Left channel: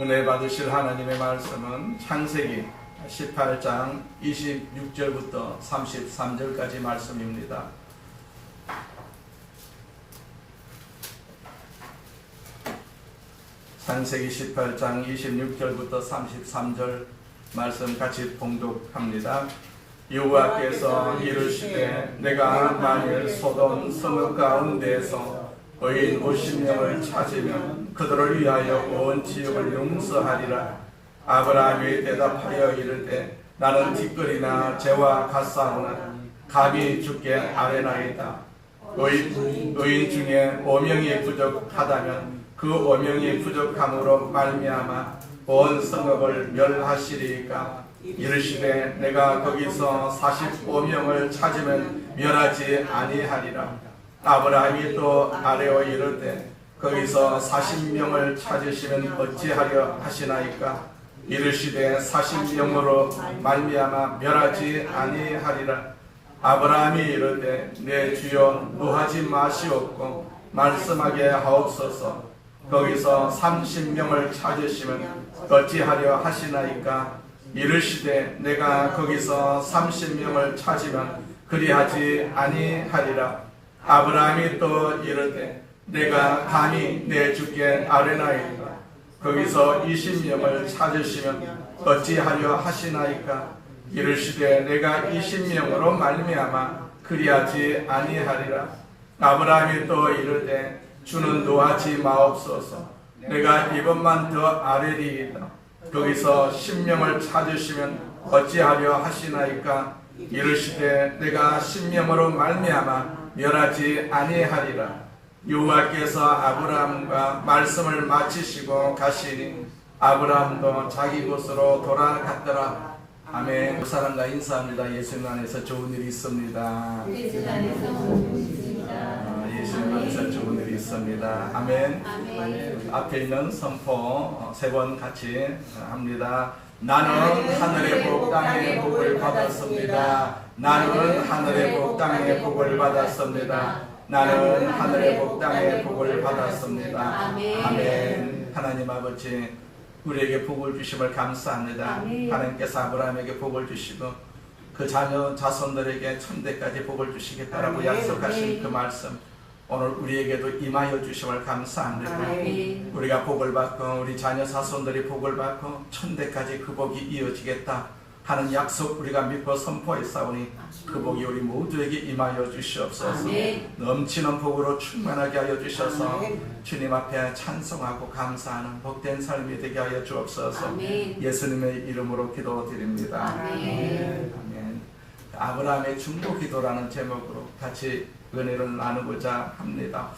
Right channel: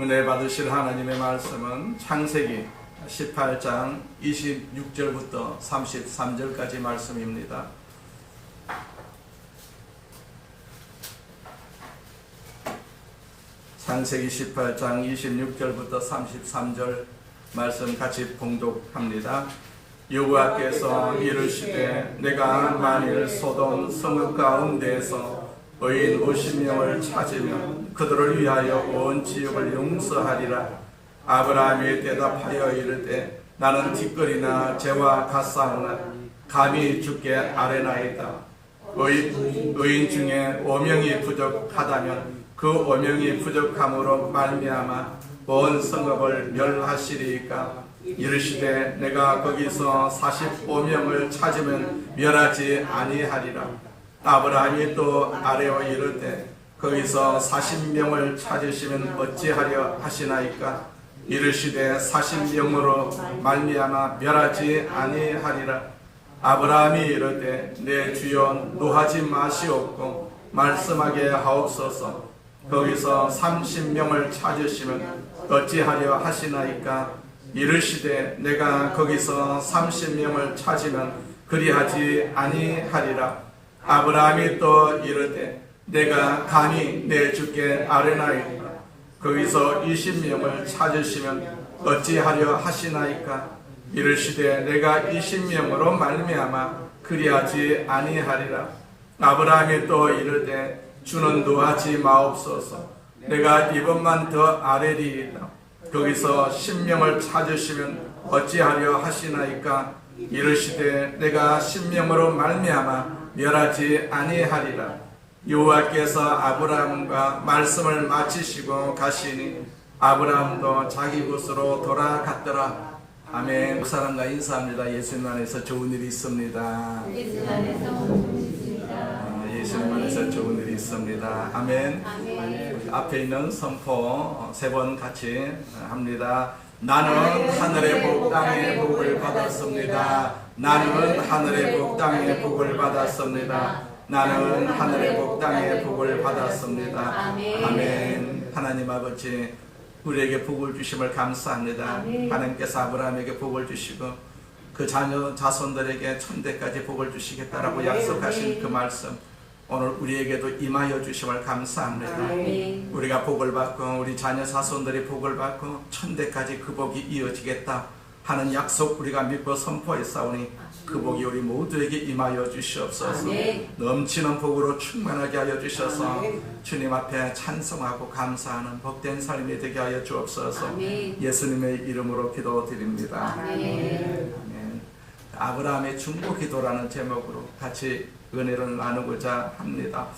은혜 받으실 하나님의 말씀은 창세기 18장 26절부터 33절까지 말씀입니다. 창세기 18장 26절부터 33절 말씀 같이 봉독합니다. 여호와께서 이르시되 내가 만일 소돔 성읍 가운데에서 의인 50명을 찾으면 그들을 위하여 온 지역을 용서하리라. 아브라함이 대답하여 이르되 나는 티끌이나 재와 갓사나 감히 주께 아뢰나이다. 의인 중에 5명이 부족하다면 그 5명이 부족함으로 말미암아 온 성읍을 멸하시리이까. 이르시되 내가 거기서 45명을 찾으면 멸하지 아니하리라. 아브라함이 또 아뢰어 이르되 거기서 40명을 찾으시면 어찌하려 하시나이까. 이르시되 40명으로 말미암아 멸하지 아니하리라. 아브라함이 이르되 내 주여 노하지 마시옵고 말씀하게 하옵소서. 거기서 30명을 찾으시면 어찌하려 하시나이까. 이르시되 내가 거기서 30명을 찾으면 그리하지 아니하리라. 아브라함이 또 이르되 내가 감히 내 주께 아뢰나이까. 거기서 20명을 찾으시면 어찌하려 하시나이까. 이르시되 내가 20명으로 말미암아 그리하지 아니하리라. 아브라함이 또 이르되 주는 노하지 마옵소서. 내가 이번만 더 아뢰리이다. 거기서 10명을 찾으시면 어찌하려 하시나이까. 이르시되 내가 10명으로 말미암아 멸하지 아니하리라. 여호와께서 아브라함과 말씀을 마치시고 가시니 아브라함도 자기 곳으로 돌아갔더라. 아멘. 사랑과 인사합니다. 예수님 안에서 좋은 일이 있습니다. 예수님 안에서 예수님 안에서 좋은 일이 있습니다. 아멘. 앞에 있는 선포 세 번 같이 합니다. 나는 하늘의 복 땅의 복을 받았습니다. 나는 하늘의 복 땅의 복을 받았습니다. 나는 하늘의 복 땅의 복을 받았습니다. 아멘. 하나님 아버지, 우리에게 복을 주심을 감사합니다. 하나님께서 아브라함에게 복을 주시고 그 자녀 자손들에게 천대까지 복을 주시겠다라고 약속하신 그 말씀, 오늘 우리에게도 임하여 주심을 감사합니다. 우리가 복을 받고 우리 자녀 자손들이 복을 받고 천대까지 그 복이 이어지겠다 하는 약속 우리가 믿고 선포했사오니 그 복이 우리 모두에게 임하여 주시옵소서. 넘치는 복으로 충만하게 하여 주셔서 주님 앞에 찬송하고 감사하는 복된 삶이 되게 하여 주옵소서. 예수님의 이름으로 기도드립니다. 아멘. 아브라함의 중보기도라는 제목으로 같이 은혜를 나누고자 합니다.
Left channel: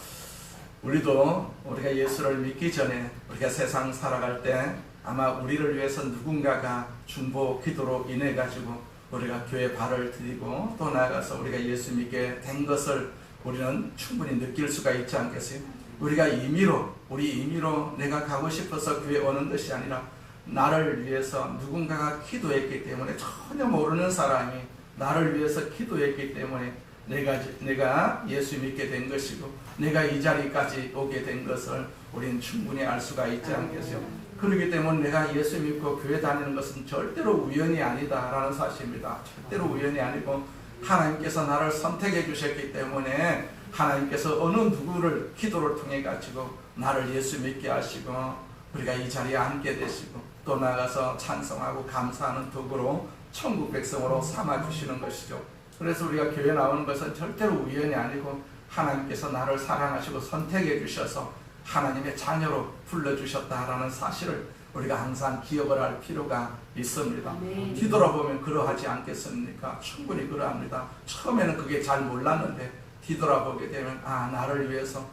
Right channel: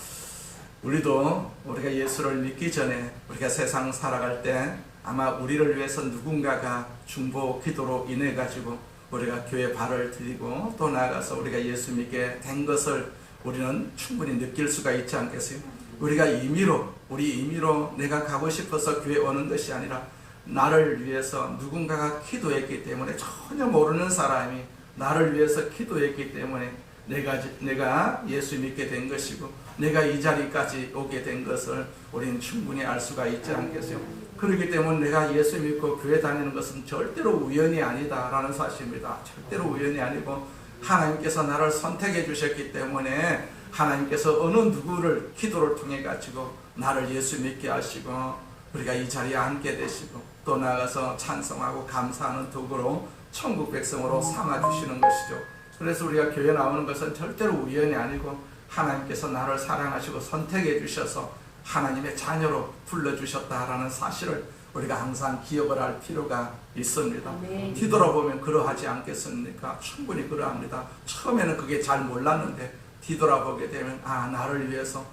우리가 예수를 믿기 전에 우리가 세상 살아갈 때 아마 우리를 위해서 누군가가 중보 기도로 인해 가지고 우리가 교회 발을 들이고 또 나아가서 우리가 예수 믿게 된 것을 우리는 충분히 느낄 수가 있지 않겠어요? 우리 임의로 내가 가고 싶어서 교회 오는 것이 아니라 나를 위해서 누군가가 기도했기 때문에, 전혀 모르는 사람이 나를 위해서 기도했기 때문에 내가 예수 믿게 된 것이고 내가 이 자리까지 오게 된 것을 우리는 충분히 알 수가 있지 않겠어요? 그렇기 때문에 내가 예수 믿고 교회 다니는 것은 절대로 우연이 아니다 라는 사실입니다. 절대로 우연이 아니고 하나님께서 나를 선택해 주셨기 때문에 하나님께서 어느 누구를 기도를 통해 가지고 나를 예수 믿게 하시고 우리가 이 자리에 앉게 되시고 또 나가서 찬송하고 감사하는 도구로 천국 백성으로 삼아주시는 것이죠. 그래서 우리가 교회 나오는 것은 절대로 우연이 아니고 하나님께서 나를 사랑하시고 선택해 주셔서 하나님의 자녀로 불러주셨다라는 사실을 우리가 항상 기억을 할 필요가 있습니다. 뒤돌아보면 그러하지 않겠습니까? 충분히 그러합니다. 처음에는 그게 잘 몰랐는데 뒤돌아보게 되면 나를 위해서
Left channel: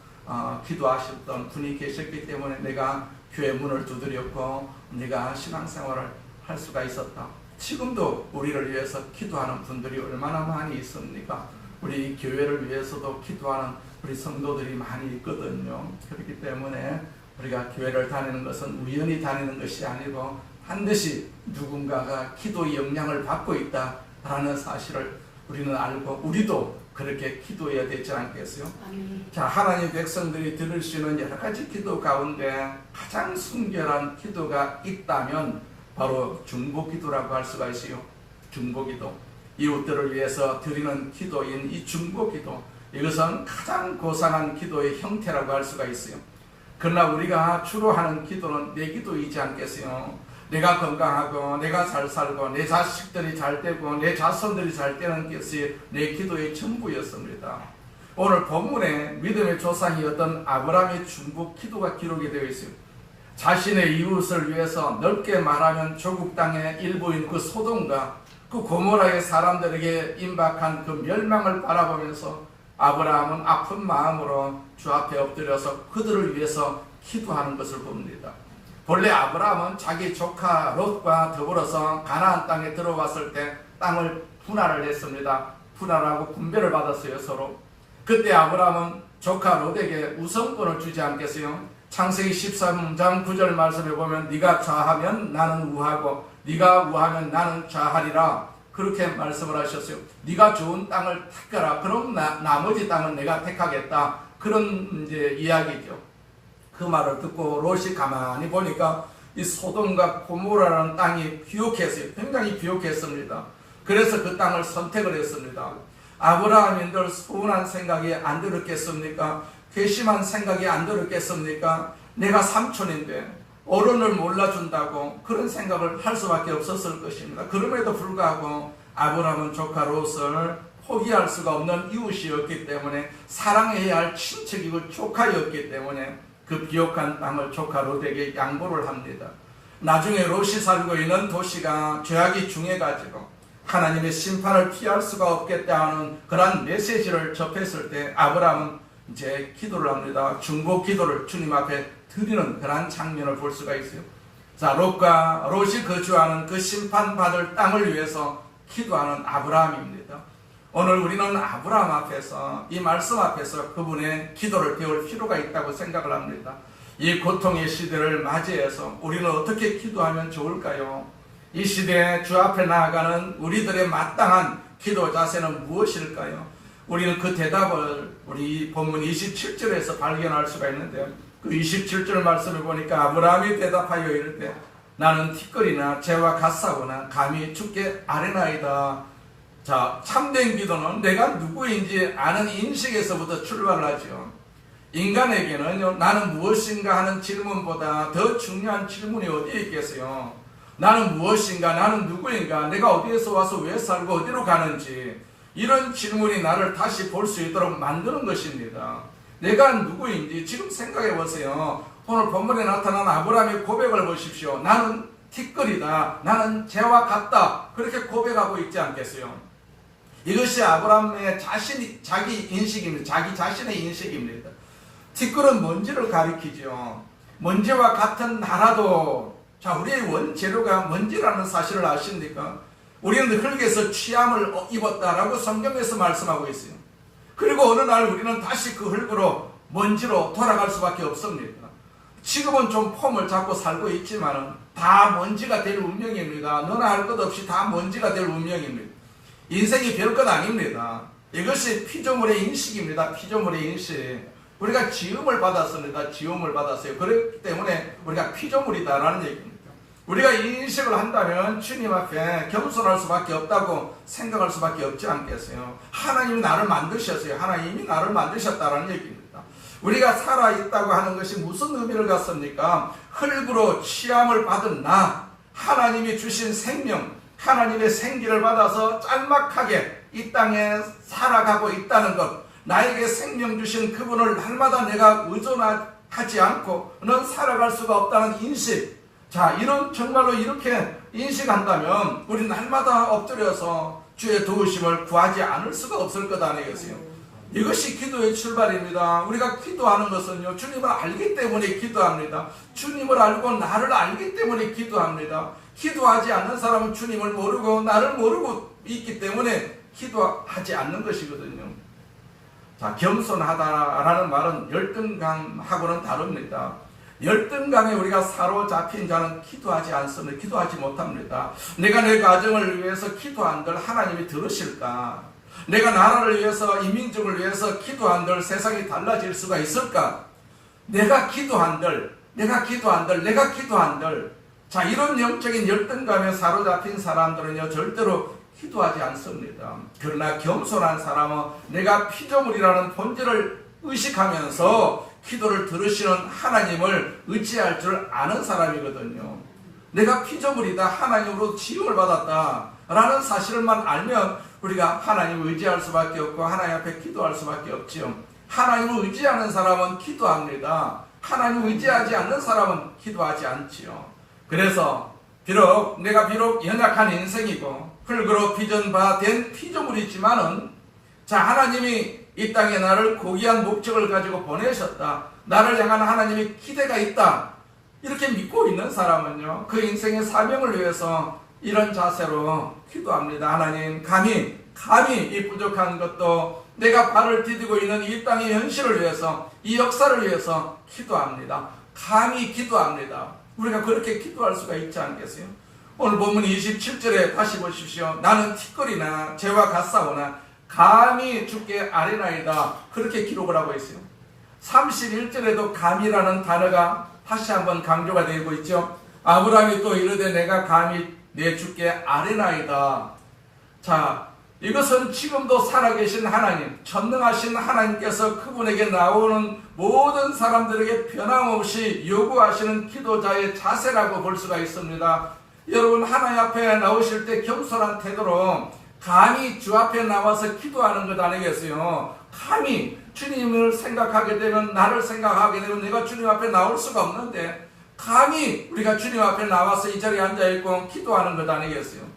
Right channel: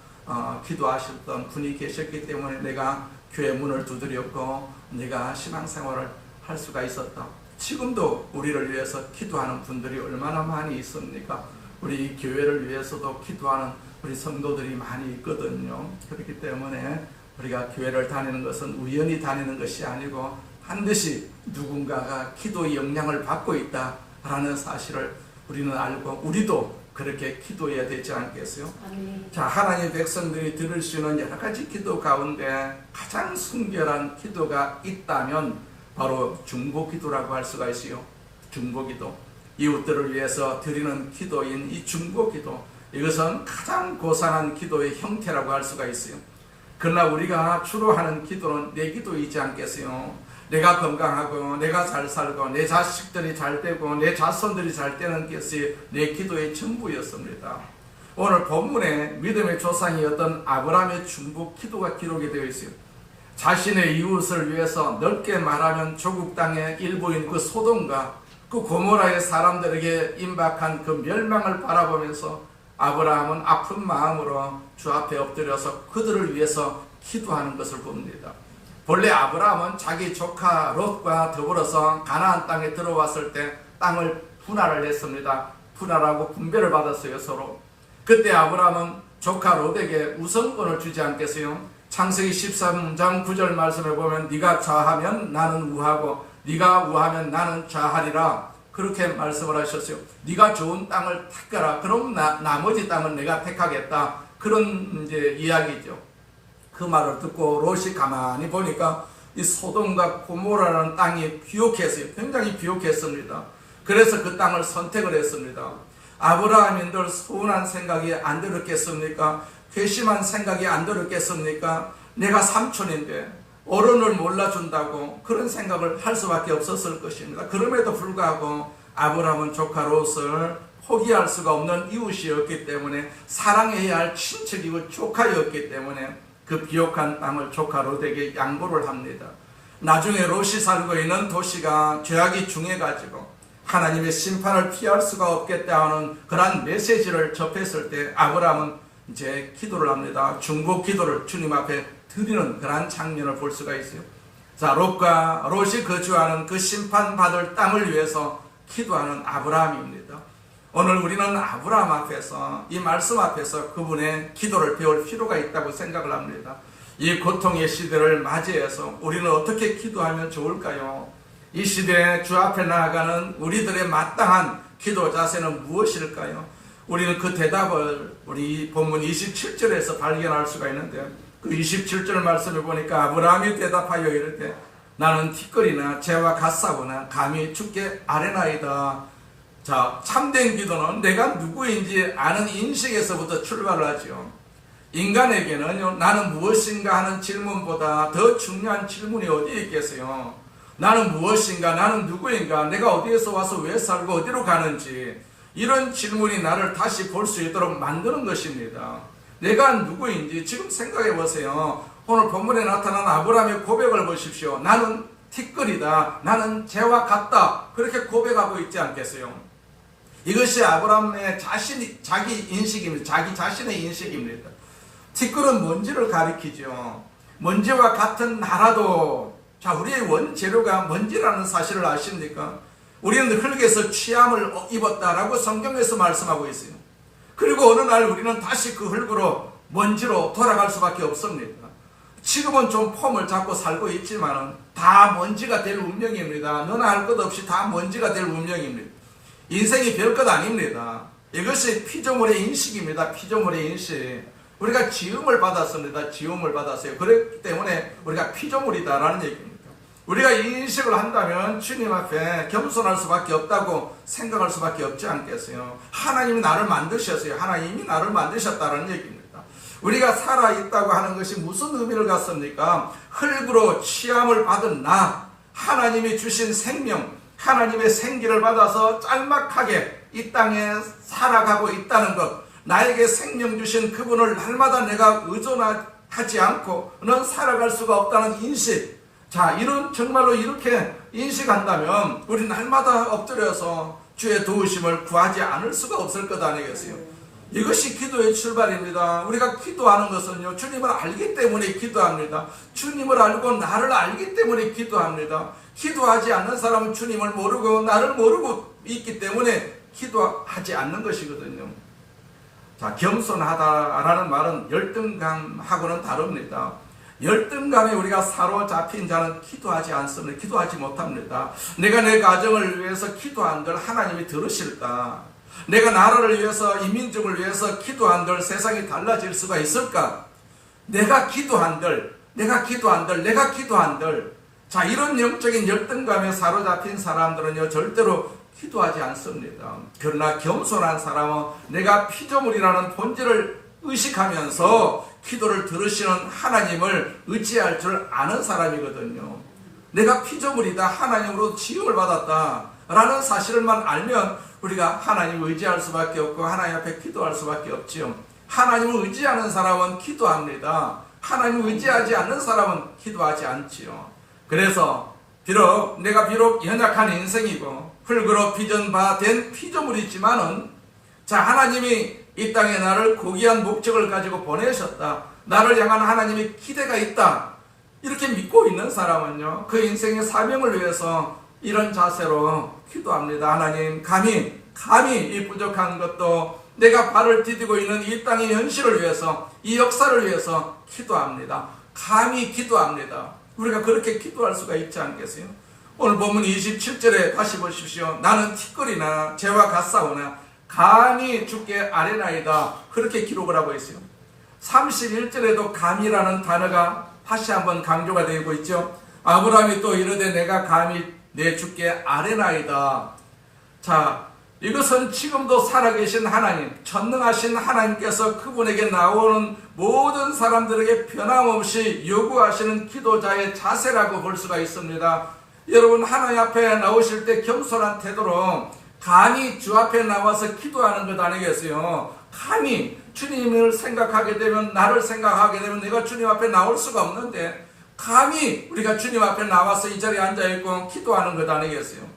기도하셨던 분이 계셨기 때문에 내가 교회 문을 두드렸고 내가 신앙생활을 할 수가 있었다. 지금도 우리를 위해서 기도하는 분들이 얼마나 많이 있습니까? 우리 교회를 위해서도 기도하는 우리 성도들이 많이 있거든요. 그렇기 때문에 우리가 교회를 다니는 것은 우연히 다니는 것이 아니고 반드시 누군가가 기도의 영향을 받고 있다라는 사실을 우리는 알고 우리도 그렇게 기도해야 되지 않겠어요? 아멘. 자, 하나님 백성들이 들을 수 있는 여러 가지 기도 가운데 가장 순결한 기도가 있다면 바로 중보기도라고 할 수가 있어요. 중보기도. 이웃들을 위해서 드리는 기도인 이 중보기도, 이것은 가장 고상한 기도의 형태라고 할 수가 있어요. 그러나 우리가 주로 하는 기도는 내 기도이지 않겠어요? 내가 건강하고 내가 잘 살고 내 자식들이 잘 되고 내 자손들이 잘 되는 것이 내 기도의 전부였습니다. 오늘 본문에 믿음의 조상이었던 아브라함의 중보 기도가 기록이 되어 있어요. 자신의 이웃을 위해서 넓게 말하면 조국 땅의 일부인 그 소돔과 그 고모라의 사람들에게 임박한 그 멸망을 바라보면서 아브라함은 아픈 마음으로 주 앞에 엎드려서 그들을 위해서 기도하는 것을 봅니다. 본래 아브라함은 자기 조카 롯과 더불어서 가나안 땅에 들어왔을 때 땅을 분할을 했습니다. 분할하고 분배를 받았어요, 서로. 그때 아브라함은 조카 롯에게 우선권을 주지 않겠어요? 창세기 13장 9절 말씀에 보면 네가 좌하면 나는 우하고 네가 우하면 나는 좌하리라, 그렇게 말씀을 하셨어요. 네가 좋은 땅을 택하라. 그럼 나머지 땅은 내가 택하겠다. 그런 이제 이야기죠. 그 말을 듣고 롯이 가만히 보니까 이 소돔과 고모라는 땅이 비옥했어요. 굉장히 비옥했습니다. 그래서 그 땅을 선택을 했습니다. 아브라함인들 서운한 생각이 안 들었겠습니까? 괘씸한 생각이 안 들었겠습니까? 내가 삼촌인데 어른을 몰라준다고 그런 생각을 할 수밖에 없었을 것입니다. 그럼에도 불구하고 아브라함은 조카 롯을 포기할 수가 없는 이웃이었기 때문에, 사랑해야 할 친척이고 조카였기 때문에 그 비옥한 땅을 조카 롯에게 양보를 합니다. 나중에 롯이 살고 있는 도시가 죄악이 중해가지고 하나님의 심판을 피할 수가 없겠다 하는 그러한 메시지를 접했을 때 아브라함은 이제 기도를 합니다. 중보 기도를 주님 앞에 드리는 그러한 장면을 볼 수가 있어요. 자, 롯이 거주하는 그 심판받을 땅을 위해서 기도하는 아브라함입니다. 오늘 우리는 아브라함 앞에서, 이 말씀 앞에서 그분의 기도를 배울 필요가 있다고 생각을 합니다. 이 고통의 시대를 맞이해서 우리는 어떻게 기도하면 좋을까요? 이 시대에 주 앞에 나아가는 우리들의 마땅한 기도 자세는 무엇일까요? 우리는 그 대답을 우리 본문 27절에서 발견할 수가 있는데요. 그 27절 말씀을 보니까 아브라함이 대답하여 이르되 나는 티끌이나 재와 갓사오나 감히 주께 아뢰나이다. 자, 참된 기도는 내가 누구인지 아는 인식에서부터 출발을 하죠. 인간에게는 나는 무엇인가 하는 질문보다 더 중요한 질문이 어디에 있겠어요? 나는 무엇인가, 나는 누구인가, 내가 어디에서 와서 왜 살고 어디로 가는지, 이런 질문이 나를 다시 볼 수 있도록 만드는 것입니다. 내가 누구인지 지금 생각해 보세요. 오늘 본문에 나타난 아브라함의 고백을 보십시오. 나는 티끌이다, 나는 재와 같다, 그렇게 고백하고 있지 않겠어요? 이것이 아브라함의 자기 인식입니다. 자기 자신의 인식입니다. 티끌은 먼지를 가리키죠. 먼지와 같은 나라도, 자, 우리의 원재료가 먼지라는 사실을 아십니까? 우리는 흙에서 취함을 입었다라고 성경에서 말씀하고 있어요. 그리고 어느 날 우리는 다시 그 흙으로, 먼지로 돌아갈 수밖에 없습니다. 지금은 좀 폼을 잡고 살고 있지만 다 먼지가 될 운명입니다. 너나 할 것 없이 다 먼지가 될 운명입니다. 인생이 별것 아닙니다. 이것이 피조물의 인식입니다. 피조물의 인식. 우리가 지음을 받았습니다. 지음을 받았어요. 그렇기 때문에 우리가 피조물이다라는 얘기입니다. 우리가 이 인식을 한다면 주님 앞에 겸손할 수밖에 없다고 생각할 수밖에 없지 않겠어요? 하나님이 나를 만드셨어요. 하나님이 나를 만드셨다라는 얘기입니다. 우리가 살아있다고 하는 것이 무슨 의미를 갖습니까? 흙으로 취함을 받은 나, 하나님이 주신 생명, 하나님의 생기를 받아서 짤막하게 이 땅에 살아가고 있다는 것, 나에게 생명 주신 그분을 날마다 내가 의존하지 않고는 살아갈 수가 없다는 인식. 자, 이런 정말로 이렇게 인식한다면 우리 날마다 엎드려서 주의 도우심을 구하지 않을 수가 없을 것 아니겠어요? 이것이 기도의 출발입니다. 우리가 기도하는 것은요, 주님을 알기 때문에 기도합니다. 주님을 알고 나를 알기 때문에 기도합니다. 기도하지 않는 사람은 주님을 모르고 나를 모르고 있기 때문에 기도하지 않는 것이거든요. 자, 겸손하다라는 말은 열등감하고는 다릅니다. 열등감에 우리가 사로잡힌 자는 기도하지 않습니다. 기도하지 못합니다. 내가 내 가정을 위해서 기도한들 하나님이 들으실까? 내가 나라를 위해서, 이민족을 위해서 기도한들 세상이 달라질 수가 있을까? 내가 기도한들. 자, 이런 영적인 열등감에 사로잡힌 사람들은요, 절대로 기도하지 않습니다. 그러나 겸손한 사람은 내가 피조물이라는 본질을 의식하면서 기도를 들으시는 하나님을 의지할 줄 아는 사람이거든요. 내가 피조물이다, 하나님으로 지음을 받았다 라는 사실만 알면 우리가 하나님을 의지할 수밖에 없고 하나님 앞에 기도할 수밖에 없지요. 하나님을 의지하는 사람은 기도합니다. 하나님을 의지하지 않는 사람은 기도하지 않지요. 그래서 내가 비록 연약한 인생이고 흙으로 빚은 바 된 피조물이지만은, 자, 하나님이 이 땅에 나를 고귀한 목적을 가지고 보내셨다, 나를 향한 하나님의 기대가 있다, 이렇게 믿고 있는 사람은요, 그 인생의 사명을 위해서 이런 자세로 기도합니다. 하나님, 감히 이 부족한 것도 내가 발을 디디고 있는 이 땅의 현실을 위해서, 이 역사를 위해서 기도합니다. 감히 기도합니다. 우리가 그렇게 기도할 수가 있지 않겠어요? 오늘 본문 27절에 다시 보십시오. 나는 티끌이나 재와 같사오나 감히 주께 아뢰나이다, 그렇게 기록을 하고 있어요. 31절에도 감히라는 단어가 다시 한번 강조가 되고 있죠. 아브라함이 또 이르되 내가 감히 내 주께 아뢰나이다. 자, 이것은 지금도 살아계신 하나님, 전능하신 하나님께서 그분에게 나오는 모든 사람들에게 변함없이 요구하시는 기도자의 자세라고 볼 수가 있습니다. 여러분, 하나님 앞에 나오실 때 겸손한 태도로 감히 주 앞에 나와서 기도하는 것 아니겠어요? 감히 주님을 생각하게 되면, 나를 생각하게 되면 내가 주님 앞에 나올 수가 없는데, 감히 우리가 주님 앞에 나와서 이 자리에 앉아있고 기도하는 것 아니겠어요?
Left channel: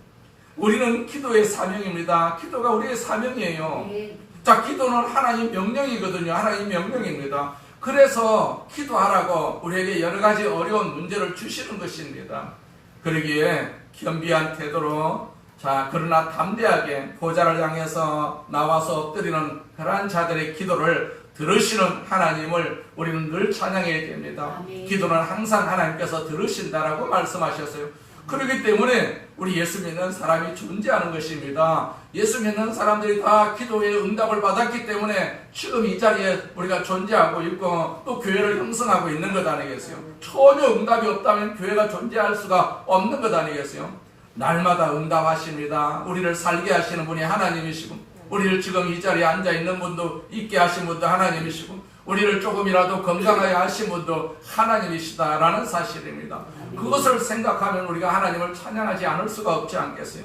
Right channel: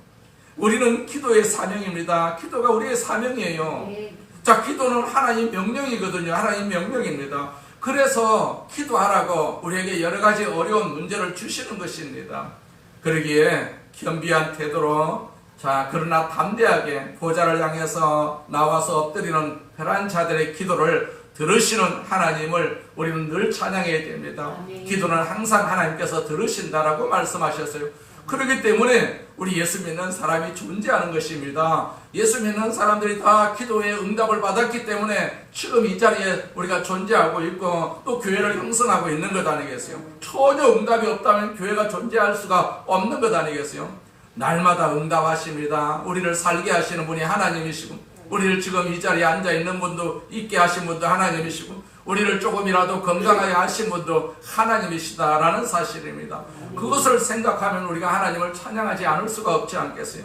우리는 기도의 사명입니다. 기도가 우리의 사명이에요. 자, 기도는 하나님 명령이거든요. 하나님 명령입니다. 그래서 기도하라고 우리에게 여러 가지 어려운 문제를 주시는 것입니다. 그러기에 겸비한 태도로, 자, 그러나 담대하게 보좌를 향해서 나와서 엎드리는 그러한 자들의 기도를 들으시는 하나님을 우리는 늘 찬양해야 됩니다. 기도는 항상 하나님께서 들으신다라고 말씀하셨어요. 그렇기 때문에 우리 예수 믿는 사람이 존재하는 것입니다. 예수 믿는 사람들이 다 기도의 응답을 받았기 때문에 지금 이 자리에 우리가 존재하고 있고 또 교회를 형성하고 있는 것 아니겠어요? 전혀 응답이 없다면 교회가 존재할 수가 없는 것 아니겠어요? 날마다 응답하십니다. 우리를 살게 하시는 분이 하나님이시고, 우리를 지금 이 자리에 앉아있는 분도, 있게 하신 분도 하나님이시고, 우리를 조금이라도 건강하게 하신 분도 하나님이시다라는 사실입니다. 그것을 생각하면 우리가 하나님을 찬양하지 않을 수가 없지 않겠어요?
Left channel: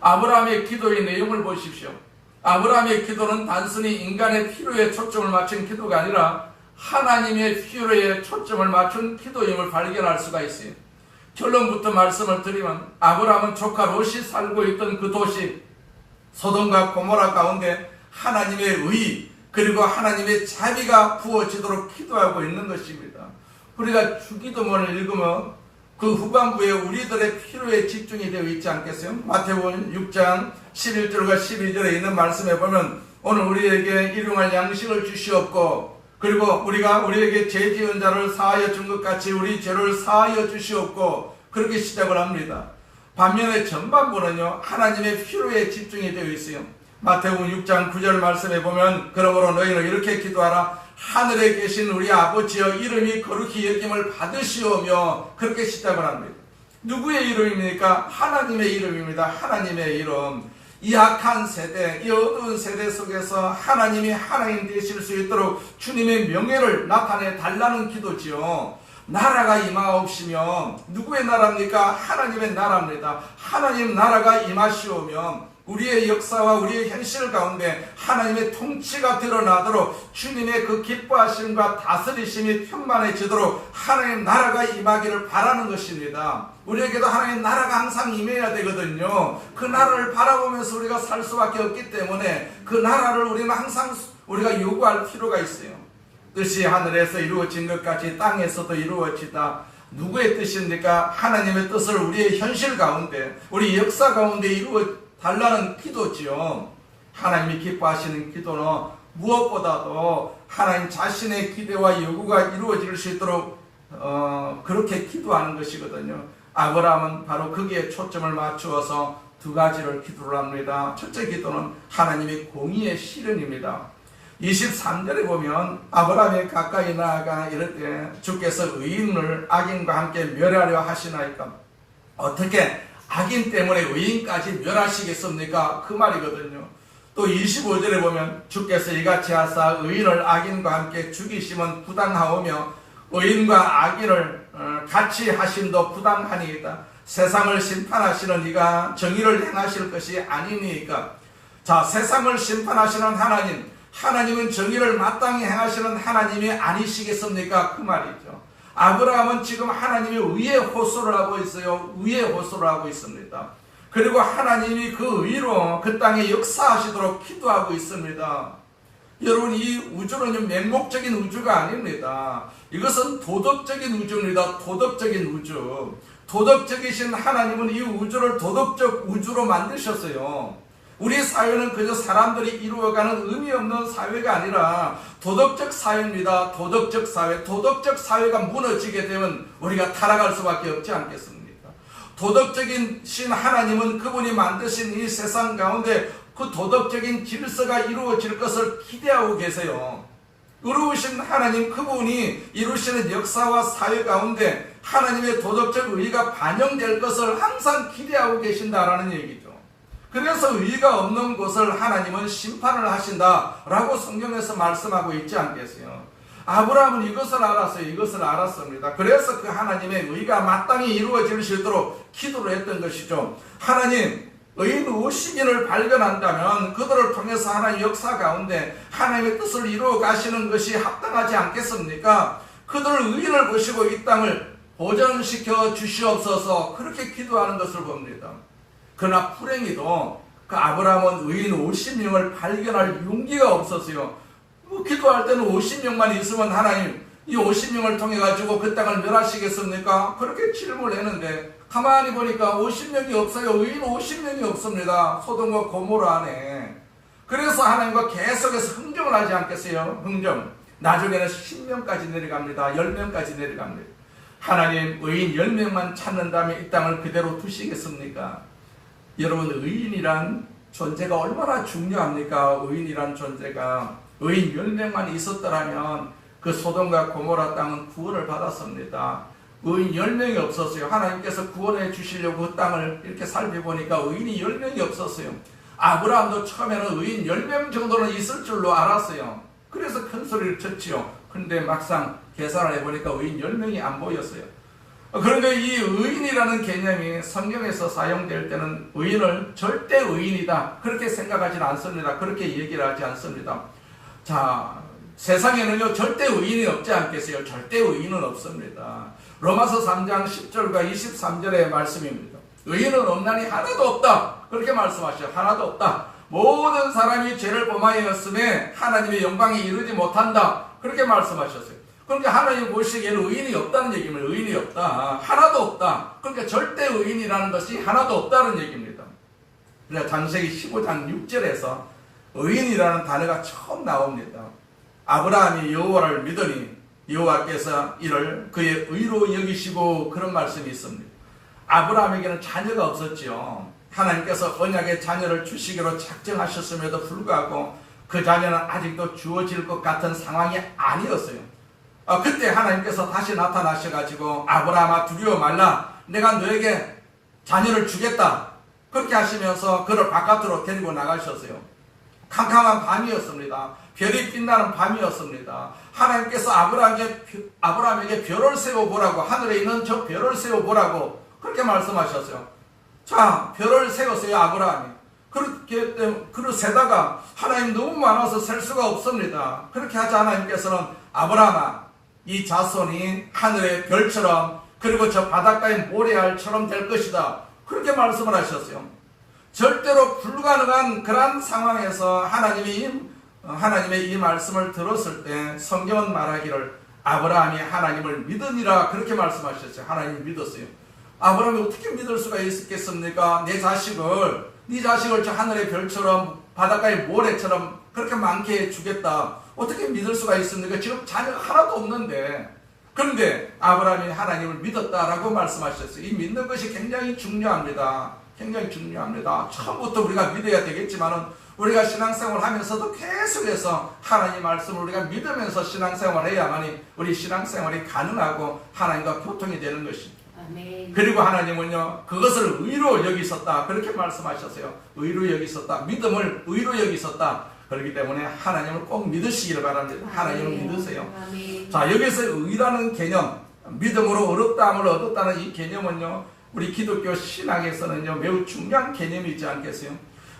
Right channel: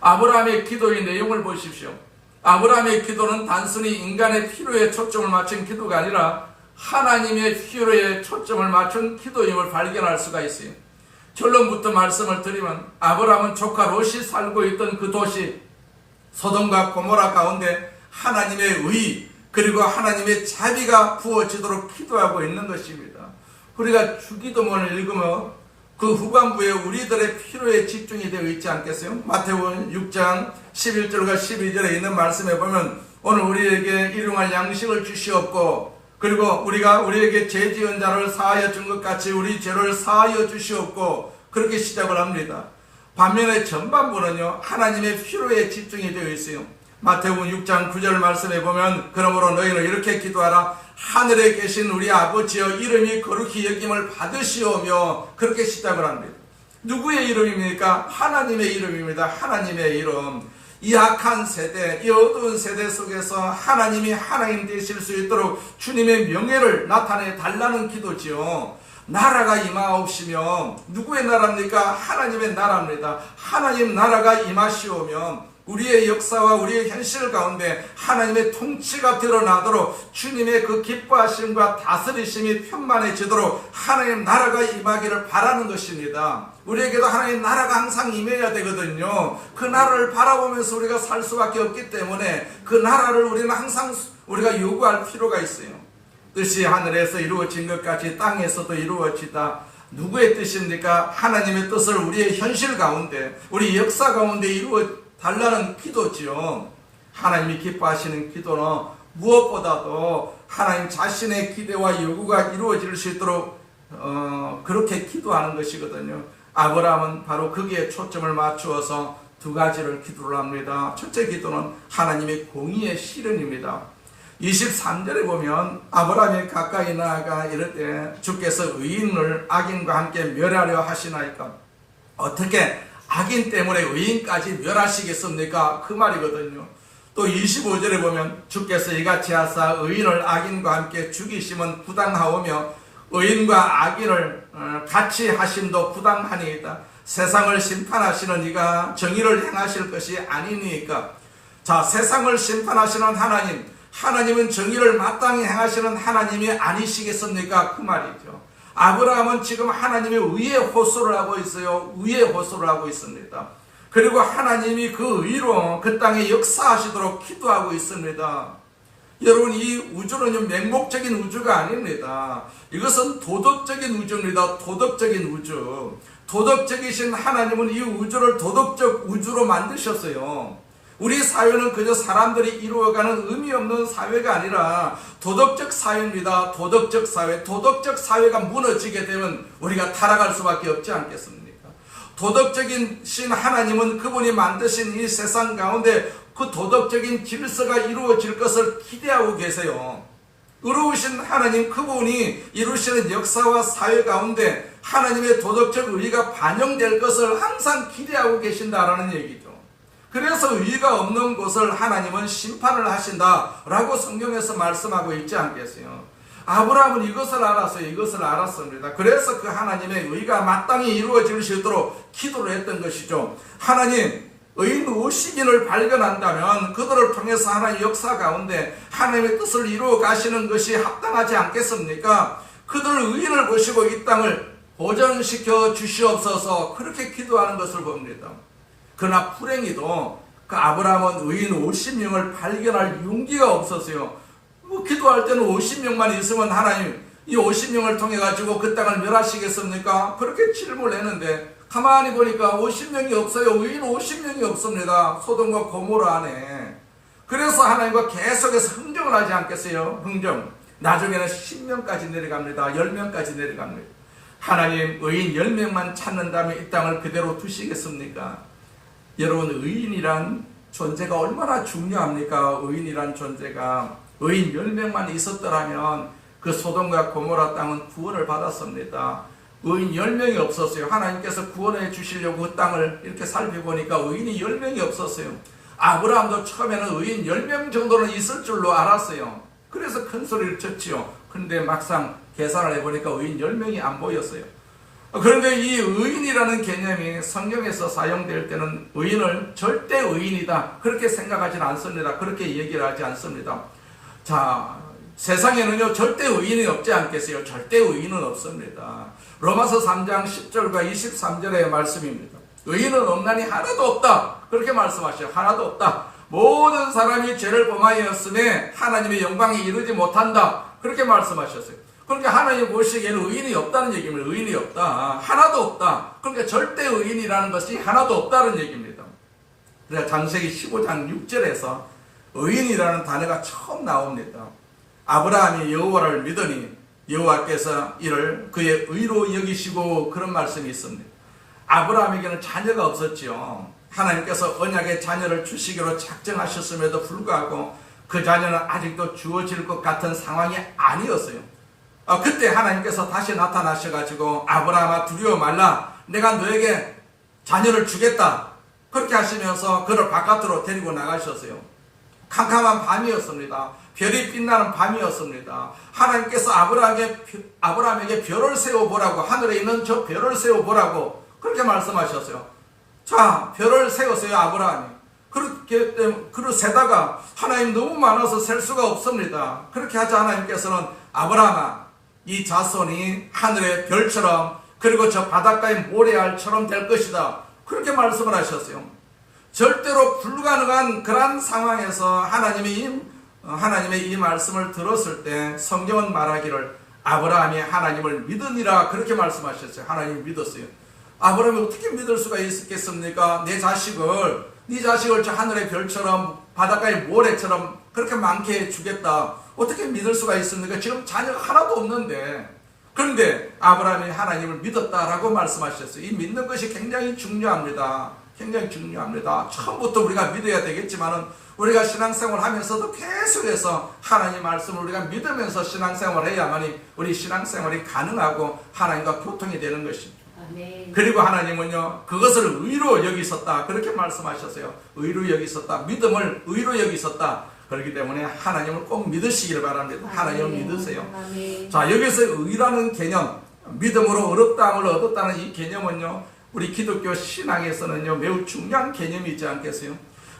아브라함의 기도의 내용을 보십시오. 아브라함의 기도는 단순히 인간의 필요에 초점을 맞춘 기도가 아니라 하나님의 필요에 초점을 맞춘 기도임을 발견할 수가 있어요. 결론부터 말씀을 드리면, 아브라함은 조카 롯이 살고 있던 그 도시 소돔과 고모라 가운데 하나님의 의 그리고 하나님의 자비가 부어지도록 기도하고 있는 것입니다. 우리가 주기도문을 읽으면 그 후반부에 우리들의 필요에 집중이 되어 있지 않겠어요? 마태복음 6장 11절과 12절에 있는 말씀에 보면, 오늘 우리에게 일용할 양식을 주시옵고, 그리고 우리에게 죄 지은 자를 사하여 준 것 같이 우리 죄를 사하여 주시옵고, 그렇게 시작을 합니다. 반면에 전반부는요, 하나님의 필요에 집중이 되어 있어요. 마태복음 6장 9절 말씀에 보면, 그러므로 너희는 이렇게 기도하라. 하늘에 계신 우리 아버지여, 이름이 거룩히 여김을 받으시오며, 그렇게 시작을 합니다. 누구의 이름입니까? 하나님의 이름입니다. 하나님의 이름. 이 악한 세대, 이 어두운 세대 속에서 하나님이 하나님 되실 수 있도록 주님의 명예를 나타내 달라는 기도지요. 나라가 임하옵시며, 누구의 나라입니까? 하나님의 나라입니다. 하나님 나라가 임하시오며 우리의 역사와 우리의 현실 가운데 하나님의 통치가 드러나도록, 주님의 그 기뻐하심과 다스리심이 편만해지도록 하나님 나라가 임하기를 바라는 것입니다. 우리에게도 하나님 나라가 항상 임해야 되거든요. 그 나라를 바라보면서 우리가 살 수밖에 없기 때문에 그 나라를 우리는 항상 우리가 요구할 필요가 있어요. 뜻이 하늘에서 이루어진 것 같이 땅에서도 이루어지다. 누구의 뜻입니까? 하나님의 뜻을 우리의 현실 가운데, 우리 역사 가운데 이루어 달라는 기도지요. 하나님이 기뻐하시는 기도는 무엇보다도 하나님 자신의 기대와 요구가 이루어질 수 있도록 그렇게 기도하는 것이거든요. 아브라함은 바로 거기에 초점을 맞추어서 두 가지를 기도를 합니다. 첫째 기도는 하나님의 공의의 실현입니다. 23절에 보면 아브라함이 가까이 나아가 이르되 주께서 의인을 악인과 함께 멸하려 하시나이까. 어떻게 악인 때문에 의인까지 멸하시겠습니까? 그 말이거든요. 또 25절에 보면 주께서 이같이 하사 의인을 악인과 함께 죽이심은 부당하오며 의인과 악인을 같이 하심도 부당하니이다. 세상을 심판하시는 이가 정의를 행하실 것이 아니니까. 자, 세상을 심판하시는 하나님은 정의를 마땅히 행하시는 하나님이 아니시겠습니까? 그 말이죠. 아브라함은 지금 하나님의 의에 호소를 하고 있어요. 의에 호소를 하고 있습니다. 그리고 하나님이 그 의로 그 땅에 역사하시도록 기도하고 있습니다. 여러분, 이 우주는 맹목적인 우주가 아닙니다. 이것은 도덕적인 우주입니다. 도덕적인 우주. 도덕적이신 하나님은 이 우주를 도덕적 우주로 만드셨어요. 우리 사회는 그저 사람들이 이루어가는 의미 없는 사회가 아니라 도덕적 사회입니다. 도덕적 사회. 도덕적 사회가 무너지게 되면 우리가 타락할 수밖에 없지 않겠습니까? 도덕적인 신 하나님은 그분이 만드신 이 세상 가운데 그 도덕적인 질서가 이루어질 것을 기대하고 계세요. 의로우신 하나님, 그분이 이루시는 역사와 사회 가운데 하나님의 도덕적 의의가 반영될 것을 항상 기대하고 계신다라는 얘기죠. 그래서 의의가 없는 곳을 하나님은 심판을 하신다라고 성경에서 말씀하고 있지 않겠어요? 아브라함은 이것을 알았어요. 이것을 알았습니다. 그래서 그 하나님의 의의가 마땅히 이루어질 수 있도록 기도를 했던 것이죠. 하나님, 의인 50인을 발견한다면 그들을 통해서 하나님의 역사 가운데 하나님의 뜻을 이루어 가시는 것이 합당하지 않겠습니까? 그들 의인을 보시고 이 땅을 보존시켜 주시옵소서, 그렇게 기도하는 것을 봅니다. 그러나 불행히도 그 아브라함은 의인 50명을 발견할 용기가 없었어요. 기도할 때는 50명만 있으면 하나님 이 50명을 통해 가지고 그 땅을 멸하시겠습니까? 그렇게 질문을 했는데 가만히 보니까 50명이 없어요. 의인 50명이 없습니다. 소돔과 고모라 안에. 그래서 하나님과 계속해서 흥정을 하지 않겠어요? 흥정. 나중에는 10명까지 내려갑니다. 10명까지 내려갑니다. 하나님, 의인 10명만 찾는다면 이 땅을 그대로 두시겠습니까? 여러분, 의인이란 존재가 얼마나 중요합니까? 의인이란 존재가. 의인 10명만 있었더라면 그 소돔과 고모라 땅은 구원을 받았습니다. 의인 10명이 없었어요. 하나님께서 구원해 주시려고 그 땅을 이렇게 살펴보니까 의인이 10명이 없었어요. 아브라함도 처음에는 의인 10명 정도는 있을 줄로 알았어요. 그래서 큰 소리를 쳤지요. 그런데 막상 계산을 해보니까 의인 10명이 안 보였어요. 그런데 이 의인이라는 개념이 성경에서 사용될 때는 의인을 절대 의인이다, 그렇게 생각하지는 않습니다. 그렇게 얘기를 하지 않습니다. 자, 세상에는요 절대 의인이 없지 않겠어요? 절대 의인은 없습니다. 로마서 3장 10절과 23절의 말씀입니다. 의인은 없나니 하나도 없다, 그렇게 말씀하셔요. 하나도 없다. 모든 사람이 죄를 범하였음에 하나님의 영광에 이르지 못한다, 그렇게 말씀하셨어요. 그러니까 하나님 보시기에는 의인이 없다는 얘기입니다. 의인이 없다, 하나도 없다. 그러니까 절대 의인이라는 것이 하나도 없다는 얘기입니다. 그래서 창세기 15장 6절에서 의인이라는 단어가 처음 나옵니다. 아브라함이 여호와를 믿으니 여호와께서 이를 그의 의로 여기시고, 그런 말씀이 있습니다. 아브라함에게는 자녀가 없었지요. 하나님께서 언약의 자녀를 주시기로 작정하셨음에도 불구하고 그 자녀는 아직도 주어질 것 같은 상황이 아니었어요. 그때 하나님께서 다시 나타나셔가지고 아브라함아 두려워 말라, 내가 너에게 자녀를 주겠다, 그렇게 하시면서 그를 바깥으로 데리고 나가셨어요. 캄캄한 밤이었습니다. 별이 빛나는 밤이었습니다. 하나님께서 아브라함에게 별을 세워보라고, 하늘에 있는 저 별을 세워보라고 그렇게 말씀하셨어요. 자, 별을 세웠어요, 아브라함이. 그렇게 세다가 하나님 너무 많아서 셀 수가 없습니다. 그렇게 하자 하나님께서는 아브라함아, 이 자손이 하늘의 별처럼 그리고 저 바닷가의 모래알처럼 될 것이다, 그렇게 말씀을 하셨어요. 절대로 불가능한 그러한 상황에서 하나님의 이 말씀을 들었을 때 성경은 말하기를 아브라함이 하나님을 믿으니라, 그렇게 말씀하셨어요. 하나님을 믿었어요. 아브라함이 어떻게 믿을 수가 있겠습니까? 네 자식을 저 하늘의 별처럼 바닷가의 모래처럼 그렇게 많게 해주겠다, 어떻게 믿을 수가 있습니까? 지금 자녀가 하나도 없는데. 그런데 아브라함이 하나님을 믿었다라고 말씀하셨어요. 이 믿는 것이 굉장히 중요합니다. 굉장히 중요합니다. 처음부터 우리가 믿어야 되겠지만은 우리가 신앙생활 하면서도 계속해서 하나님 말씀을 우리가 믿으면서 신앙생활을 해야만이 우리 신앙생활이 가능하고 하나님과 교통이 되는 것입니다. 아멘. 그리고 하나님은요, 그것을 의로 여기셨다. 그렇게 말씀하셨어요. 의로 여기셨다. 믿음을 의로 여기셨다. 그렇기 때문에 하나님을 꼭 믿으시기를 바랍니다. 하나님을 믿으세요. 아멘. 자, 여기서 의라는 개념, 믿음으로 어렵다함을 얻었다는 이 개념은요, 우리 기독교 신학에서는요, 매우 중요한 개념이지 않겠어요?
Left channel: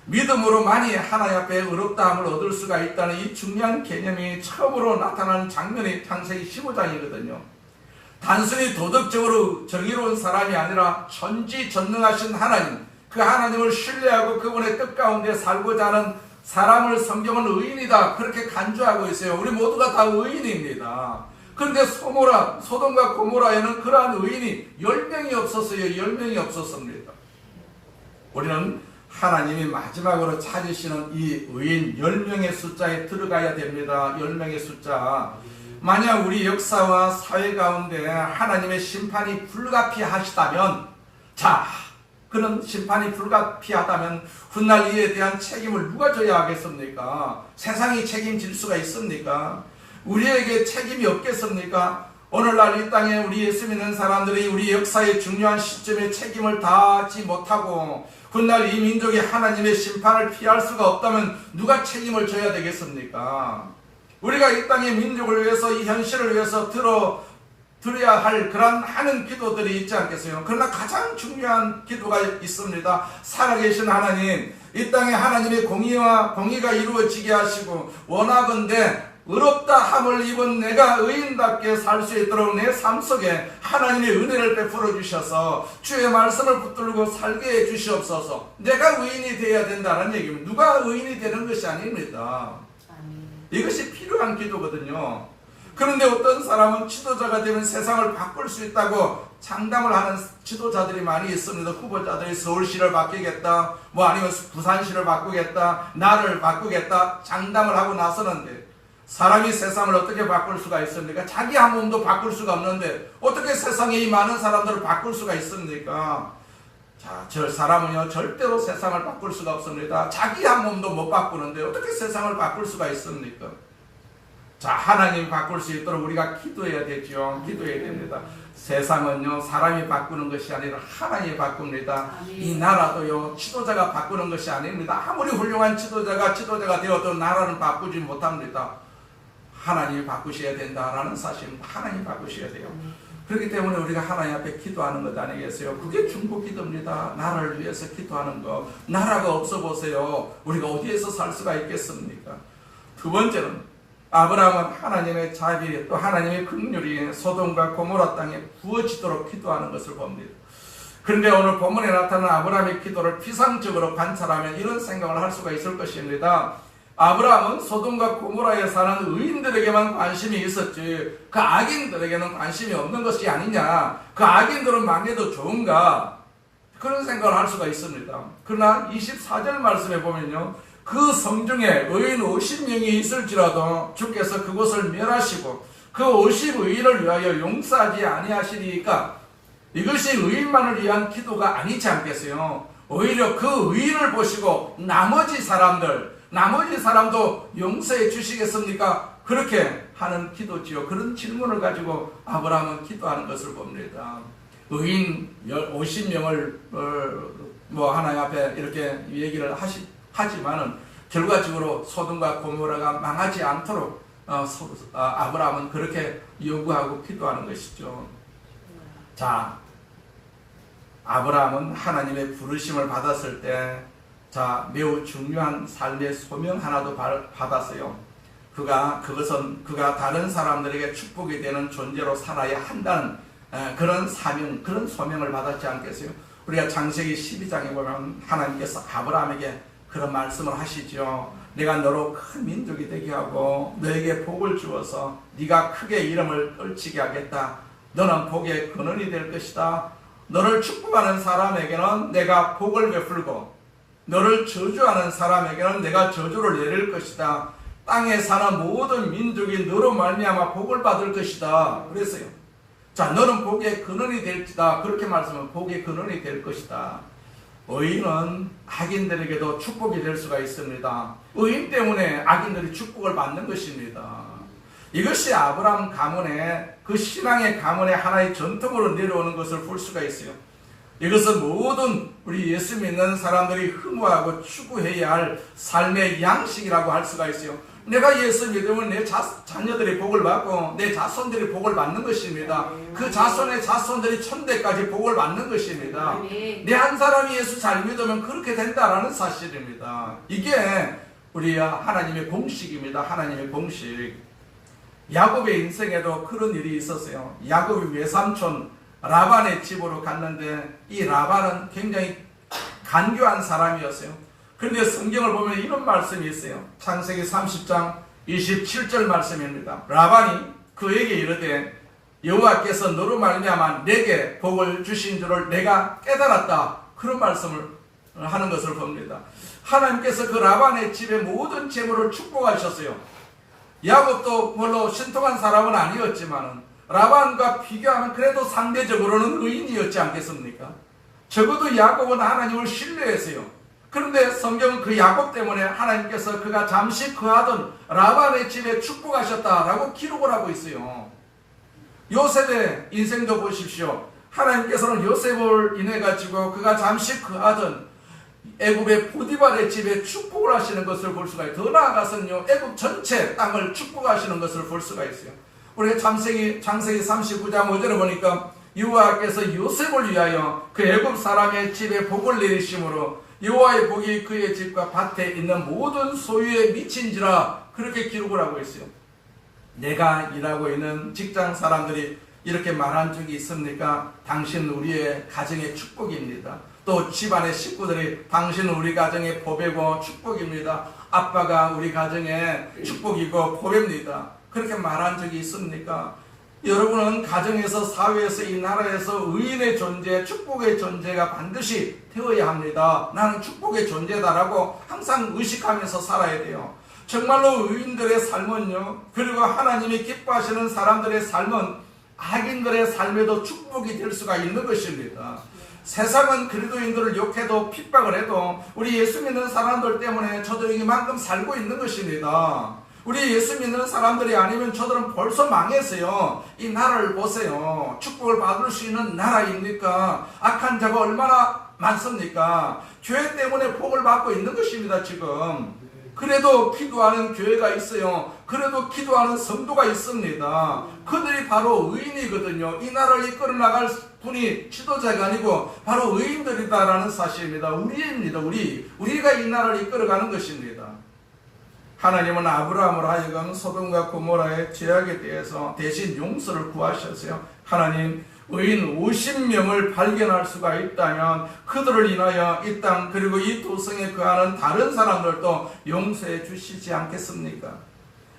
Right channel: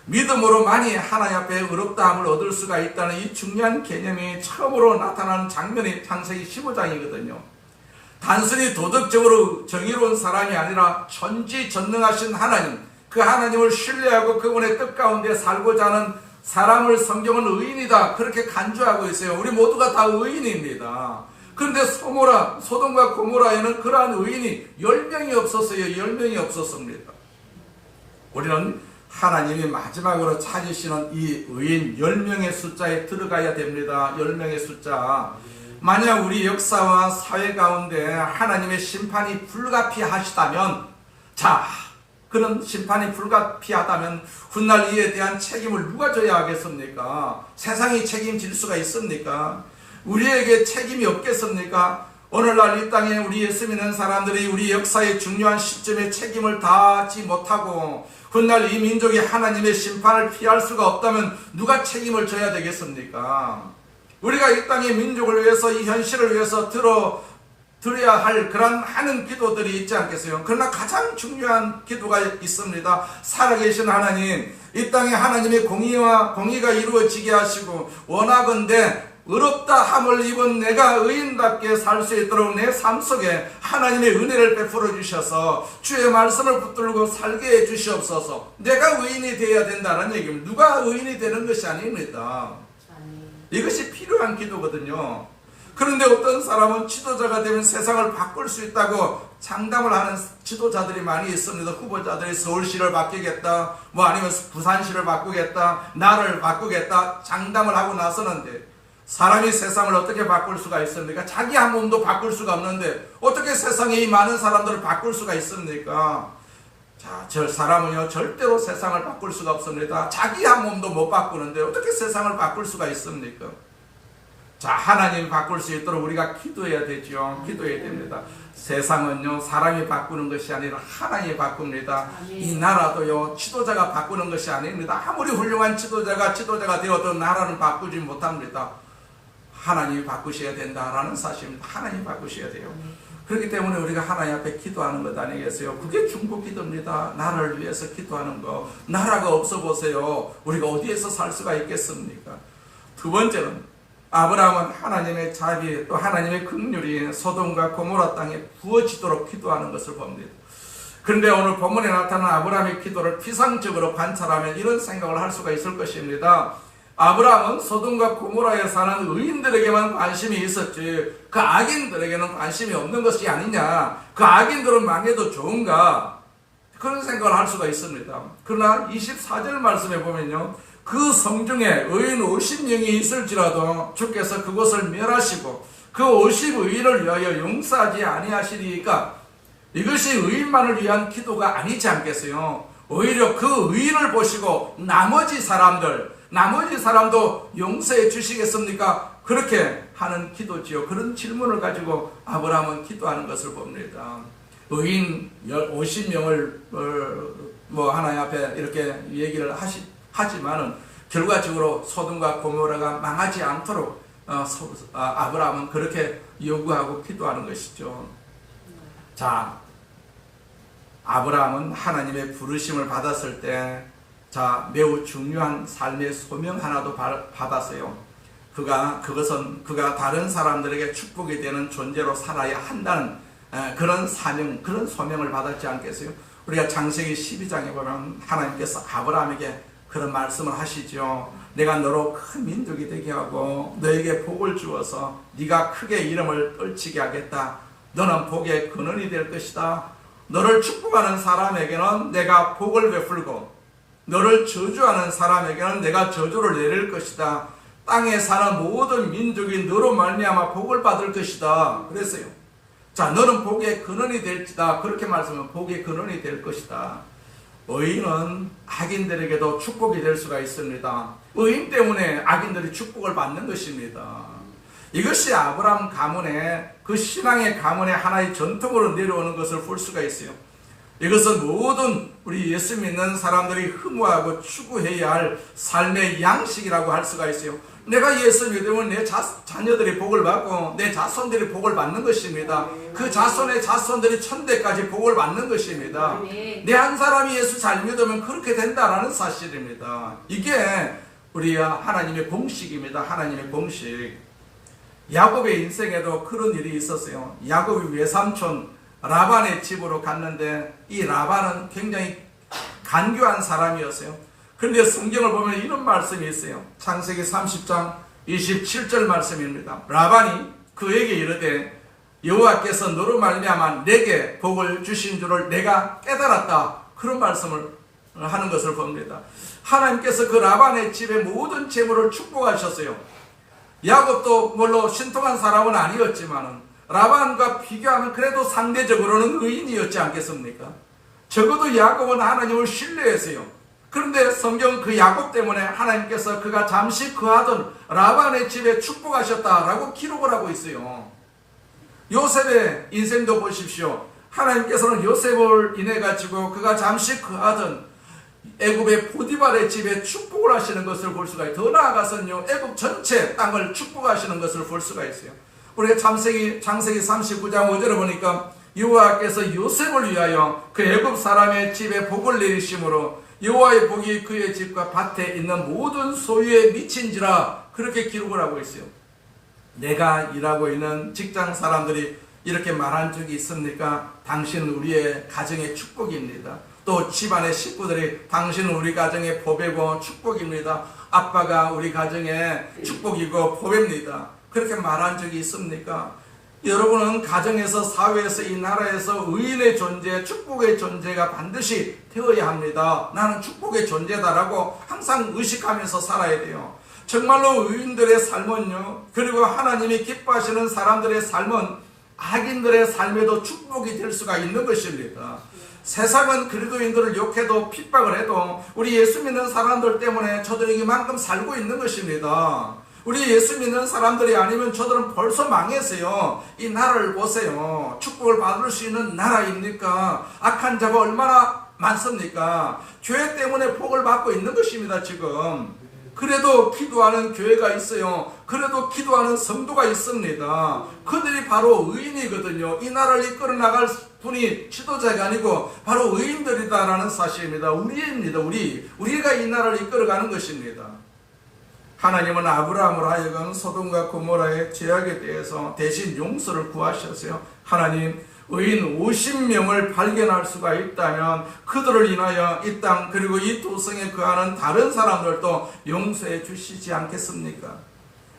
믿음으로만이 하나님 앞에 어렵다함을 얻을 수가 있다는 이 중요한 개념이 처음으로 나타나는 장면이 창세기 15장이거든요. 단순히 도덕적으로 정의로운 사람이 아니라 전지전능하신 하나님, 그 하나님을 신뢰하고 그분의 뜻 가운데 살고자 하는 사람을 성경은 의인이다 그렇게 간주하고 있어요. 우리 모두가 다 의인입니다. 그런데 소돔과 고모라에는 그러한 의인이 10명이 없었어요. 10명이 없었습니다. 우리는 하나님이 마지막으로 찾으시는 이 의인 10명의 숫자에 들어가야 됩니다. 10명의 숫자. 만약 우리 역사와 사회 가운데 하나님의 심판이 불가피하시다면, 자, 그는 심판이 불가피하다면 훗날 이에 대한 책임을 누가 져야 하겠습니까? 세상이 책임질 수가 있습니까? 우리에게 책임이 없겠습니까? 오늘날 이 땅에 우리 예수 믿는 사람들이 우리 역사의 중요한 시점에 책임을 다하지 못하고 훗날 이 민족이 하나님의 심판을 피할 수가 없다면 누가 책임을 져야 되겠습니까? 우리가 이 땅의 민족을 위해서, 이 현실을 위해서 드려야 할 그런 많은 기도들이 있지 않겠어요? 그러나 가장 중요한 기도가 있습니다. 살아계신 하나님, 이 땅에 하나님의 공의가 이루어지게 하시고 원하건대 의롭다 함을 입은 내가 의인답게 살 수 있도록 내 삶 속에 하나님의 은혜를 베풀어 주셔서 주의 말씀을 붙들고 살게 해 주시옵소서. 내가 의인이 되어야 된다는 얘기입니다. 누가 의인이 되는 것이 아닙니다. 이것이 필요한 기도거든요. 그런데 어떤 사람은 지도자가 되면 세상을 바꿀 수 있다고 장담을 하는 지도자들이 많이 있습니다. 후보자들이 서울시를 바꾸겠다, 아니면 부산시를 바꾸겠다, 나를 바꾸겠다 장담을 하고 나서는데 사람이 세상을 어떻게 바꿀 수가 있습니까? 자기 한 몸도 바꿀 수가 없는데 어떻게 세상에 이 많은 사람들을 바꿀 수가 있습니까? 자, 저 사람은요 절대로 세상을 바꿀 수가 없습니다. 자기 한 몸도 못 바꾸는데 어떻게 세상을 바꿀 수가 있습니까? 자, 하나님 바꿀 수 있도록 우리가 기도해야 되죠. 기도해야 됩니다. 세상은요 사람이 바꾸는 것이 아니라 하나님이 바꿉니다. 이 나라도요 지도자가 바꾸는 것이 아닙니다. 아무리 훌륭한 지도자가 되어도 나라는 바꾸지 못합니다. 하나님이 바꾸셔야 된다라는 사실입니다. 하나님 바꾸셔야 돼요. 그렇기 때문에 우리가 하나님 앞에 기도하는 것 아니겠어요? 그게 중보 기도입니다. 나라를 위해서 기도하는 거. 나라가 없어 보세요. 우리가 어디에서 살 수가 있겠습니까? 두 번째는 아브라함은 하나님의 자비 또 하나님의 긍휼이 소돔과 고모라 땅에 부어지도록 기도하는 것을 봅니다. 그런데 오늘 본문에 나타난 아브라함의 기도를 피상적으로 관찰하면 이런 생각을 할 수가 있을 것입니다. 아브라함은 소돔과 고모라에 사는 의인들에게만 관심이 있었지 그 악인들에게는 관심이 없는 것이 아니냐, 그 악인들은 망해도 좋은가, 그런 생각을 할 수가 있습니다. 그러나 24절 말씀에 보면요, 그 성중에 의인 50명이 있을지라도 주께서 그곳을 멸하시고 그 50의인을 위하여 용서하지 아니하시리까, 이것이 의인만을 위한 기도가 아니지 않겠어요? 오히려 그 의인을 보시고 나머지 사람도 용서해 주시겠습니까? 그렇게 하는 기도지요. 그런 질문을 가지고 아브라함은 기도하는 것을 봅니다. 의인 50명을 하나님 앞에 이렇게 얘기를 하지만은 결과적으로 소돔과 고모라가 망하지 않도록 아브라함은 그렇게 요구하고 기도하는 것이죠. 자, 아브라함은 하나님의 부르심을 받았을 때 매우 중요한 삶의 소명 하나도 받았어요. 그것은 그가 다른 사람들에게 축복이 되는 존재로 살아야 한다는 그런 사명, 그런 소명을 받았지 않겠어요? 우리가 창세기 12장에 보면 하나님께서 아브라함에게 그런 말씀을 하시죠. 내가 너로 큰 민족이 되게 하고 너에게 복을 주어서 네가 크게 이름을 떨치게 하겠다. 너는 복의 근원이 될 것이다. 너를 축복하는 사람에게는 내가 복을 베풀고 너를 저주하는 사람에게는 내가 저주를 내릴 것이다. 땅에 사는 모든 민족이 너로 말미암아 복을 받을 것이다. 그랬어요. 자, 너는 복의 근원이 될지다. 그렇게 말씀하면 복의 근원이 될 것이다. 의인은 악인들에게도 축복이 될 수가 있습니다. 의인 때문에 악인들이 축복을 받는 것입니다. 이것이 아브라함 가문의 그 신앙의 가문의 하나의 전통으로 내려오는 것을 볼 수가 있어요. 이것은 모든 우리 예수 믿는 사람들이 흠모하고 추구해야 할 삶의 양식이라고 할 수가 있어요. 내가 예수 믿으면 내 자녀들이 복을 받고 내 자손들이 복을 받는 것입니다. 그 자손의 자손들이 천대까지 복을 받는 것입니다. 내 한 사람이 예수 잘 믿으면 그렇게 된다라는 사실입니다. 이게 우리 하나님의 공식입니다. 하나님의 공식. 야곱의 인생에도 그런 일이 있었어요. 야곱이 외삼촌 라반의 집으로 갔는데 이 라반은 굉장히 간교한 사람이었어요. 그런데 성경을 보면 이런 말씀이 있어요. 창세기 30장 27절 말씀입니다. 라반이 그에게 이르되 여호와께서 너로 말미암아 내게 복을 주신 줄을 내가 깨달았다. 그런 말씀을 하는 것을 봅니다. 하나님께서 그 라반의 집의 모든 재물을 축복하셨어요. 야곱도 물론 신통한 사람은 아니었지만 라반과 비교하면 그래도 상대적으로는 의인이었지 않겠습니까? 적어도 야곱은 하나님을 신뢰했어요. 그런데 성경은 그 야곱 때문에 하나님께서 그가 잠시 거하던 라반의 집에 축복하셨다라고 기록을 하고 있어요. 요셉의 인생도 보십시오. 하나님께서는 요셉을 인해 가지고 그가 잠시 거하던 애굽의 보디발의 집에 축복을 하시는 것을 볼 수가 있어요. 더 나아가서는요, 애굽 전체 땅을 축복하시는 것을 볼 수가 있어요. 우리가 창세기 39장 5절에 보니까 여호와께서 요셉을 위하여 그 애굽 사람의 집에 복을 내리심으로 여호와의 복이 그의 집과 밭에 있는 모든 소유에 미친지라, 그렇게 기록을 하고 있어요. 내가 일하고 있는 직장 사람들이 이렇게 말한 적이 있습니까? 당신 우리의 가정의 축복입니다. 또 집안의 식구들이 당신은 우리 가정의 보배고 축복입니다. 아빠가 우리 가정의 축복이고 보배입니다. 그렇게 말한 적이 있습니까? 여러분은 가정에서, 사회에서, 이 나라에서 의인의 존재, 축복의 존재가 반드시 되어야 합니다. 나는 축복의 존재다라고 항상 의식하면서 살아야 돼요. 정말로 의인들의 삶은요, 그리고 하나님이 기뻐하시는 사람들의 삶은 악인들의 삶에도 축복이 될 수가 있는 것입니다. 세상은 그리스도인들을 욕해도 핍박을 해도 우리 예수 믿는 사람들 때문에 저들이 이만큼 살고 있는 것입니다. 우리 예수 믿는 사람들이 아니면 저들은 벌써 망했어요. 이 나라를 보세요. 축복을 받을 수 있는 나라입니까? 악한 자가 얼마나 많습니까? 교회 때문에 복을 받고 있는 것입니다, 지금. 그래도 기도하는 교회가 있어요. 그래도 기도하는 성도가 있습니다. 그들이 바로 의인이거든요. 이 나라를 이끌어 나갈 분이 지도자가 아니고 바로 의인들이다라는 사실입니다. 우리입니다. 우리가 이 나라를 이끌어가는 것입니다. 하나님은 아브라함으로 하여금 소돔과 고모라의 죄악에 대해서 대신 용서를 구하셨어요. 하나님, 의인 50명을 발견할 수가 있다면 그들을 인하여 이 땅 그리고 이 도성에 거하는 다른 사람들도 용서해 주시지 않겠습니까?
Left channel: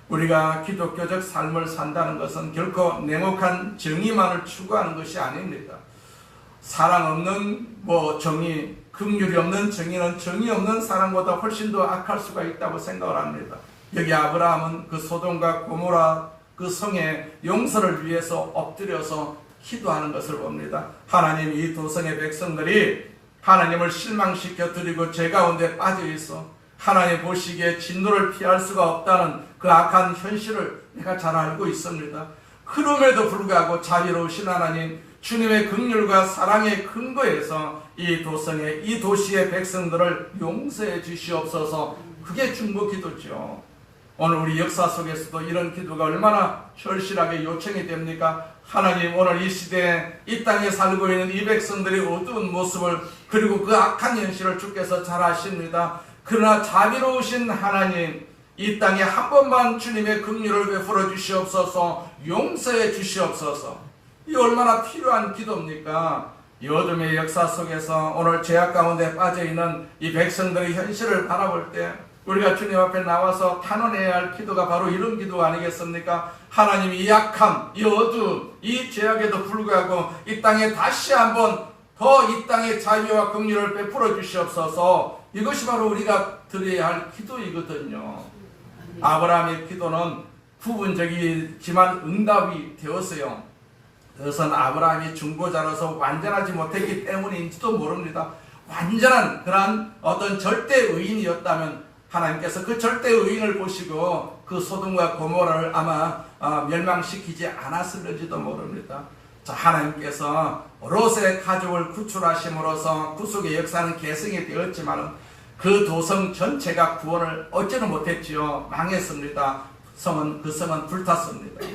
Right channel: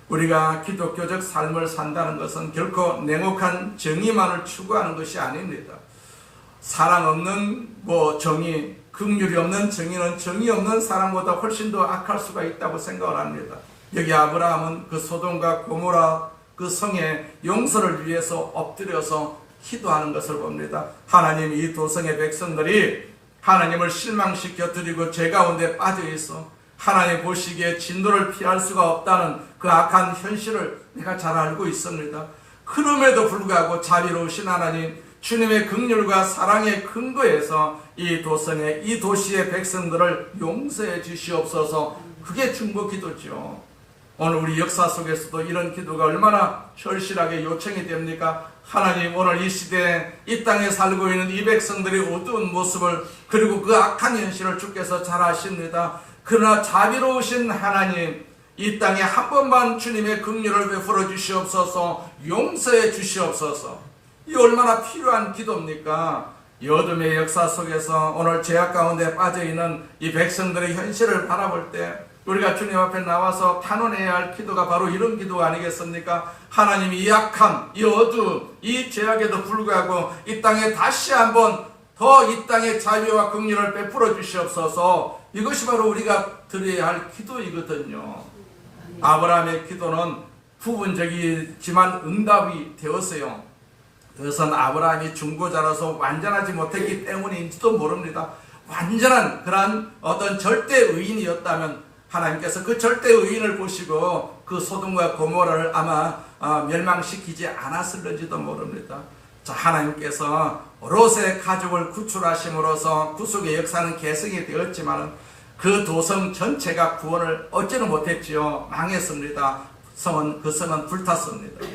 우리가 기독교적 삶을 산다는 것은 결코 냉혹한 정의만을 추구하는 것이 아닙니다. 사랑 없는 정의, 긍휼이 없는 정의는 정의 없는 사람보다 훨씬 더 악할 수가 있다고 생각을 합니다. 여기 아브라함은 그 소돔과 고모라 그 성의 용서를 위해서 엎드려서 기도하는 것을 봅니다. 하나님, 이 도성의 백성들이 하나님을 실망시켜 드리고 죄 가운데 빠져 있어 하나님 보시기에 진노를 피할 수가 없다는 그 악한 현실을 내가 잘 알고 있습니다. 그럼에도 불구하고 자비로우신 하나님, 주님의 긍휼과 사랑의 근거에서 이 도성의, 이 도시의 백성들을 용서해 주시옵소서. 그게 중보 기도죠. 오늘 우리 역사 속에서도 이런 기도가 얼마나 절실하게 요청이 됩니까? 하나님, 오늘 이 시대에 이 땅에 살고 있는 이 백성들의 어두운 모습을, 그리고 그 악한 현실을 주께서 잘 아십니다. 그러나 자비로우신 하나님, 이 땅에 한 번만 주님의 긍휼을 베풀어 주시옵소서. 용서해 주시옵소서. 이 얼마나 필요한 기도입니까? 이 어둠의 역사 속에서 오늘 죄악 가운데 빠져있는 이 백성들의 현실을 바라볼 때 우리가 주님 앞에 나와서 탄원해야 할 기도가 바로 이런 기도 아니겠습니까? 하나님, 이 약함, 이 어둠, 이 죄악에도 불구하고 이 땅에 다시 한번 더 이 땅에 자비와 긍휼을 베풀어 주시옵소서. 이것이 바로 우리가 드려야 할 기도이거든요. 아브라함의 기도는 부분적이지만 응답이 되었어요. 그것은 아브라함이 중보자로서 완전하지 못했기 때문인지도 모릅니다. 완전한 그러한 어떤 절대 의인이었다면 하나님께서 그 절대 의인을 보시고 그 소돔과 고모라를 아마 멸망시키지 않았을지도 모릅니다. 자, 하나님께서 롯의 가족을 구출하심으로써 구속의 역사는 계승이 되었지만 그 도성 전체가 구원을 얻지는 못했지요. 망했습니다. 그 성은 불탔습니다.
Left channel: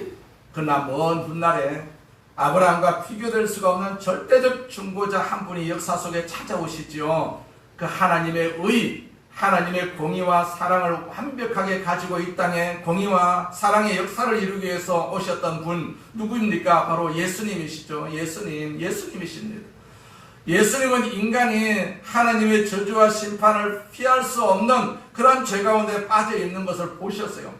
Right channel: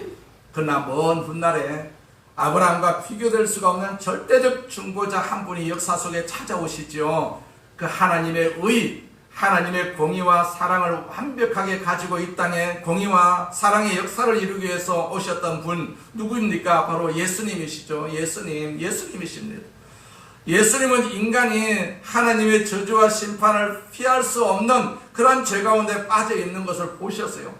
그러나 먼 훗날에 아브라함과 비교될 수가 없는 절대적 중보자 한 분이 역사 속에 찾아오시지요. 그 하나님의 의, 하나님의 공의와 사랑을 완벽하게 가지고 이 땅에 공의와 사랑의 역사를 이루기 위해서 오셨던 분 누구입니까? 바로 예수님이시죠. 예수님이십니다. 예수님은 인간이 하나님의 저주와 심판을 피할 수 없는 그런 죄 가운데 빠져 있는 것을 보셨어요.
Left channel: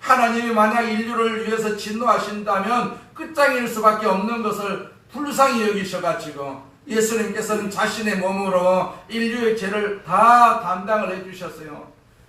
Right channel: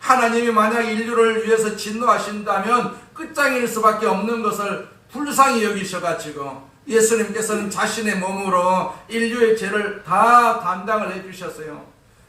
하나님이 만약 인류를 위해서 진노하신다면 끝장일 수밖에 없는 것을 불쌍히 여기셔가지고 예수님께서는 자신의 몸으로 인류의 죄를 다 담당을 해주셨어요.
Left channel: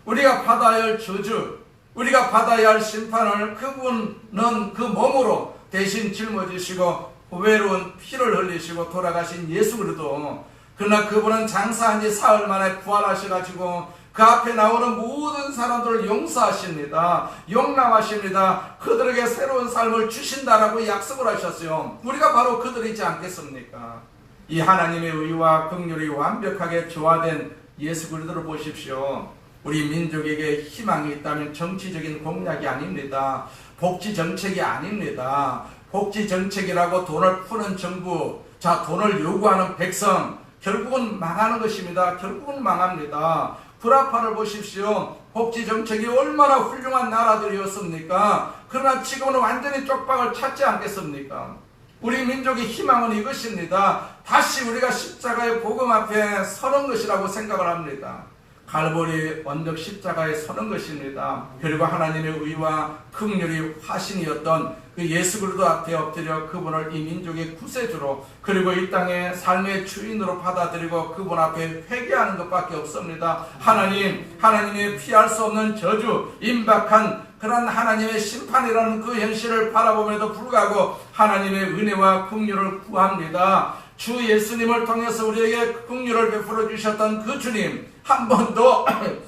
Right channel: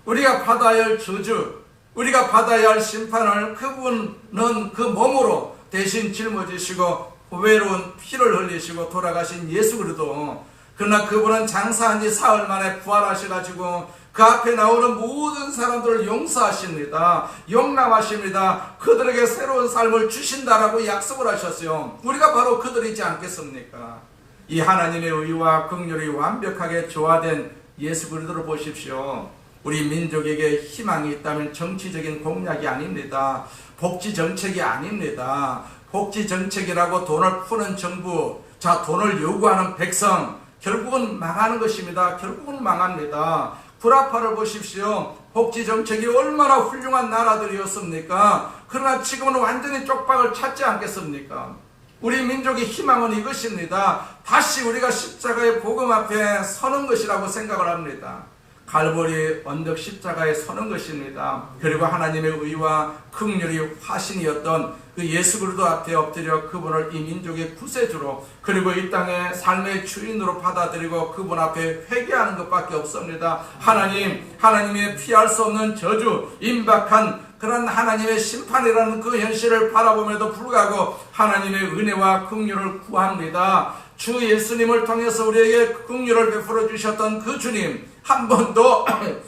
우리가 받아야 할 저주, 우리가 받아야 할 심판을 그분은 그 몸으로 대신 짊어지시고 외로운 피를 흘리시고 돌아가신 예수 그리스도. 그러나 그분은 장사한 지 사흘 만에 부활하셔가지고 그 앞에 나오는 모든 사람들을 용서하십니다. 용납하십니다. 그들에게 새로운 삶을 주신다라고 약속을 하셨어요. 우리가 바로 그들이지 않겠습니까? 이 하나님의 의와 긍휼이 완벽하게 조화된 예수 그리스도를 보십시오. 우리 민족에게 희망이 있다면 정치적인 공약이 아닙니다. 복지 정책이 아닙니다. 복지 정책이라고 돈을 푸는 정부, 자, 돈을 요구하는 백성, 결국은 망하는 것입니다. 결국은 망합니다. 불화파를 보십시오. 복지 정책이 얼마나 훌륭한 나라들이었습니까? 그러나 지금은 완전히 쪽박을 찾지 않겠습니까? 우리 민족의 희망은 이것입니다. 다시 우리가 십자가의 복음 앞에 서는 것이라고 생각을 합니다. 갈보리 언덕 십자가에 서는 것입니다. 그리고 하나님의 의와 긍휼이 화신이었던 그 예수 그리스도 앞에 엎드려 그분을 이 민족의 구세주로 그리고 이 땅의 삶의 주인으로 받아들이고 그분 앞에 회개하는 것밖에 없습니다. 하나님의 피할 수 없는 저주, 임박한 그런 하나님의 심판이라는 그 현실을 바라보면도 불구하고 하나님의 은혜와 긍휼을 구합니다. 주 예수님을 통해서 우리에게 긍휼을 베풀어 주셨던 그 주님, 한 번 더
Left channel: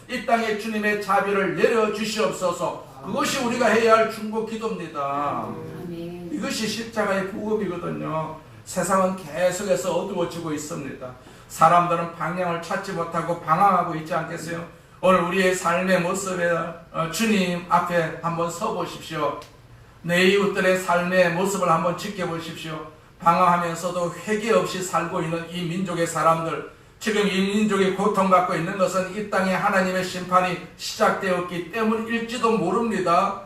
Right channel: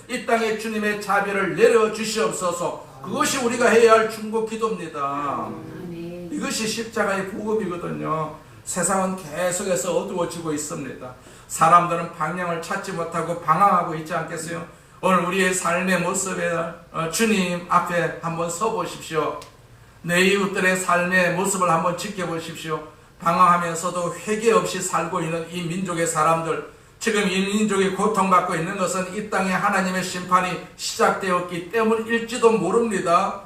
이 땅에 주님의 자비를 내려 주시옵소서. 그것이 우리가 해야 할 중보 기도입니다. 이것이 십자가의 복음이거든요. 세상은 계속해서 어두워지고 있습니다. 사람들은 방향을 찾지 못하고 방황하고 있지 않겠어요? 오늘 우리의 삶의 모습에 주님 앞에 한번 서 보십시오. 내 이웃들의 삶의 모습을 한번 지켜보십시오. 방황하면서도 회개 없이 살고 있는 이 민족의 사람들, 지금 이 민족이 고통받고 있는 것은 이 땅에 하나님의 심판이 시작되었기 때문일지도 모릅니다.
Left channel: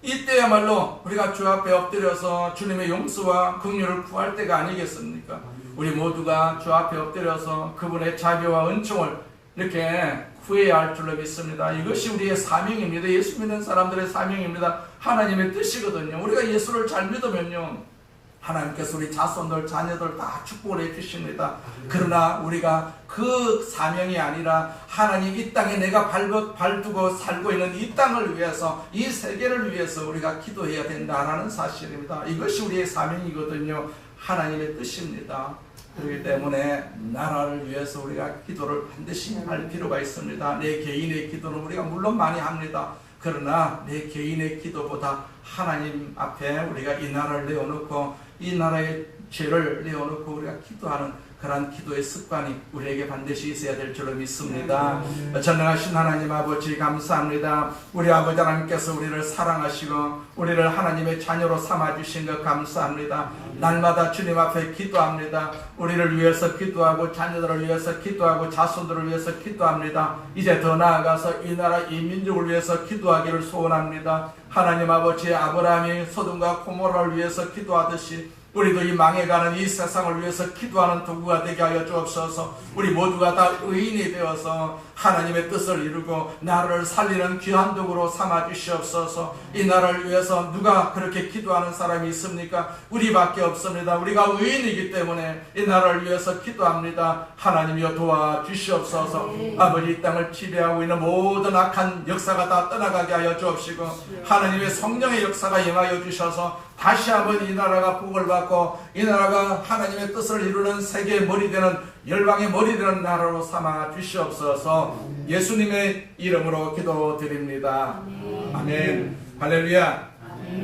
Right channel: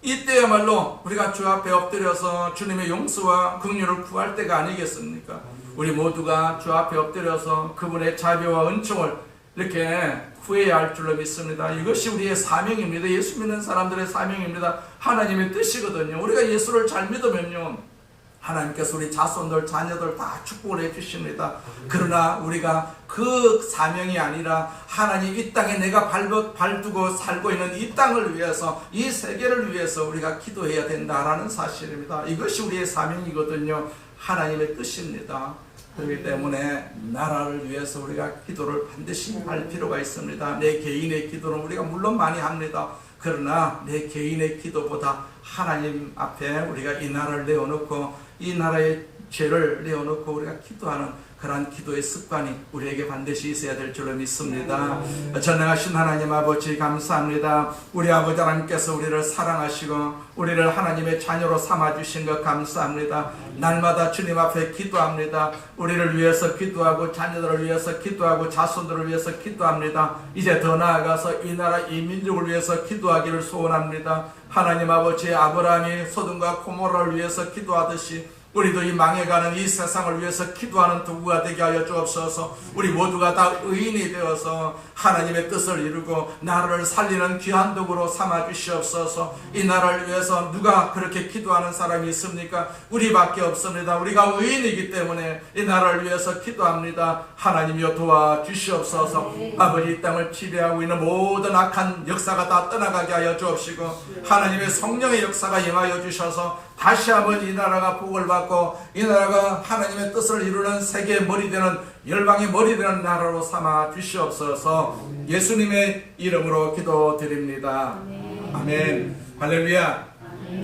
이때야말로 우리가 주 앞에 엎드려서 주님의 용서와 긍휼을 구할 때가 아니겠습니까? 우리 모두가 주 앞에 엎드려서 그분의 자비와 은총을 이렇게 구해야 할 줄로 믿습니다. 이것이 우리의 사명입니다. 예수 믿는 사람들의 사명입니다. 하나님의 뜻이거든요. 우리가 예수를 잘 믿으면요, 하나님께서 우리 자손들, 자녀들 다 축복을 해주십니다. 그러나 우리가 그 사명이 아니라 하나님 이 땅에 내가 발두고 살고 있는 이 땅을 위해서, 이 세계를 위해서 우리가 기도해야 된다라는 사실입니다. 이것이 우리의 사명이거든요. 하나님의 뜻입니다. 그렇기 때문에 나라를 위해서 우리가 기도를 반드시 할 필요가 있습니다. 내 개인의 기도는 우리가 물론 많이 합니다. 그러나 내 개인의 기도보다 하나님 앞에 우리가 이 나라를 내어놓고 이 나라의 죄를 내어놓고 우리가 기도하는 그러한 기도의 습관이 우리에게 반드시 있어야 될 줄로 믿습니다. 전능하신 하나님 아버지 감사합니다. 우리 아버지 하나님께서 우리를 사랑하시고 우리를 하나님의 자녀로 삼아주신 것 감사합니다. 날마다 주님 앞에 기도합니다. 우리를 위해서 기도하고 자녀들을 위해서 기도하고 자손들을 위해서 기도합니다. 이제 더 나아가서 이 나라 이 민족을 위해서 기도하기를 소원합니다. 하나님 아버지, 아브라함이 소돔과 고모라를 위해서 기도하듯이 우리도 이 망해가는 이 세상을 위해서 기도하는 도구가 되게 하여 주옵소서. 우리 모두가 다 의인이 되어서 하나님의 뜻을 이루고 나라를 살리는 귀한 도구로 삼아 주시옵소서. 이 나라를 위해서 누가 그렇게 기도하는 사람이 있습니까? 우리밖에 없습니다. 우리가 의인이기 때문에 이 나라를 위해서 기도합니다. 하나님이여 도와주시옵소서. 아버지, 이 땅을 지배하고 있는 모든 악한 역사가 다 떠나가게 하여 주옵시고 하나님의 성령의 역사가 임하여 주셔서 다시 한번 이 나라가 복을 받고 이 나라가 하나님의 뜻을 이루는 세계의 머리 되는 열방의 머리 되는 나라로 삼아 주시옵소서. 예수님의 이름으로 기도드립니다. 아멘. 할렐루야.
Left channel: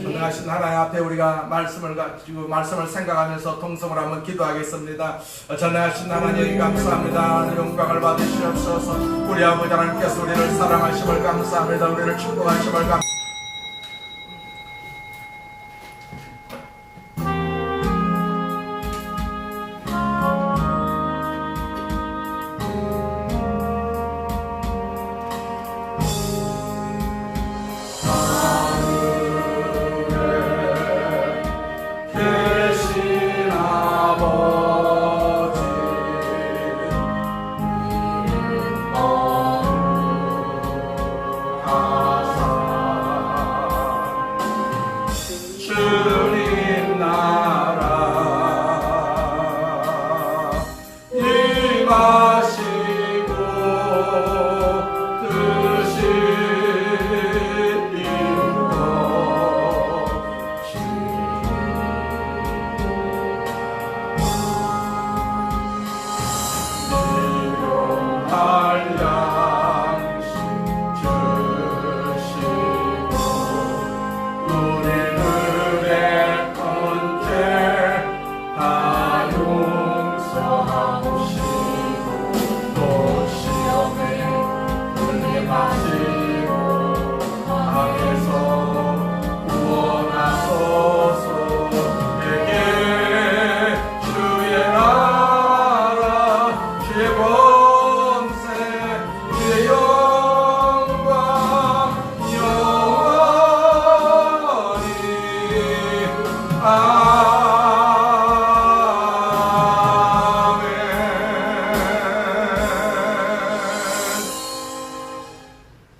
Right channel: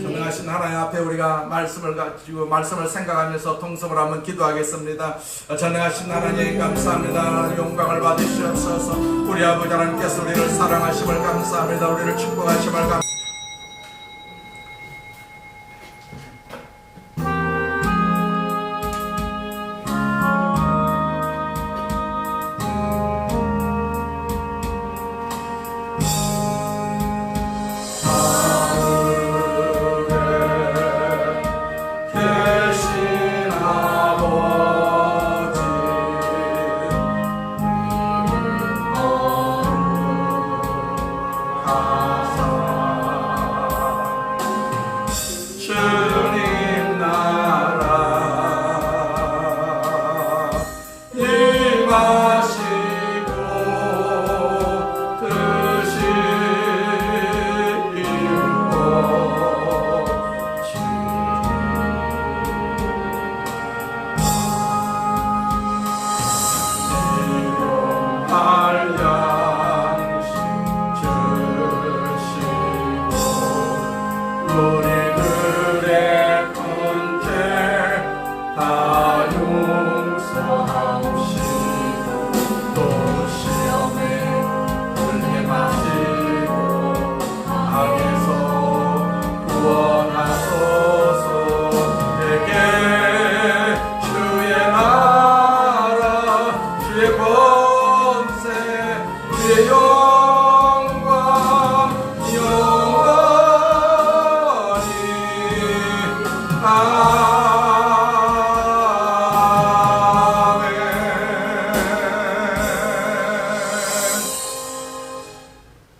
전능하신 하나님 앞에 우리가 말씀을 가지고 말씀을 생각하면서 통성을 한번 기도하겠습니다. 전능하신 하나님 감사합니다. 하나님 영광을 받으시옵소서. 우리 아버지 하나님께서 우리를 사랑하심을 감사합니다. 우리를 축복하심을 감사합니다.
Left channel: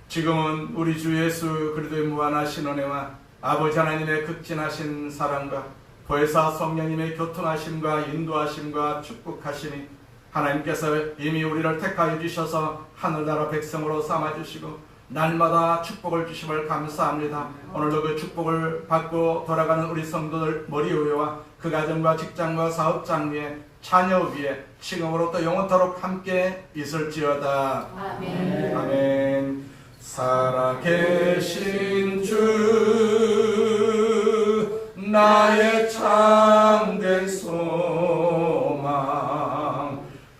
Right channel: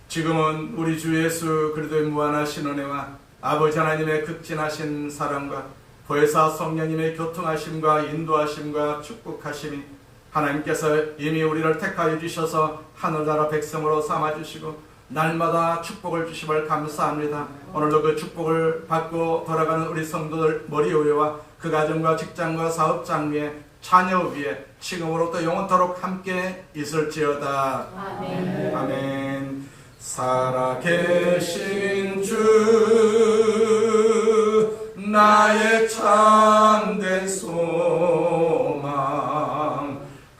지금은 우리 주 예수 그리스도의 무한하신 은혜와 아버지 하나님의 극진하신 사랑과 보혜사 성령님의 교통하심과 인도하심과 축복하심이 하나님께서 이미 우리를 택하여 주셔서 하늘나라 백성으로 삼아주시고 날마다 축복을 주심을 감사합니다. 오늘도 그 축복을 받고 돌아가는 우리 성도들 머리 위와 그 가정과 직장과 사업장 위에 자녀 위에 지금으로부터 영원토록 함께 있을지어다. 아멘. 아멘. 살아계신 주 나의 참된 소망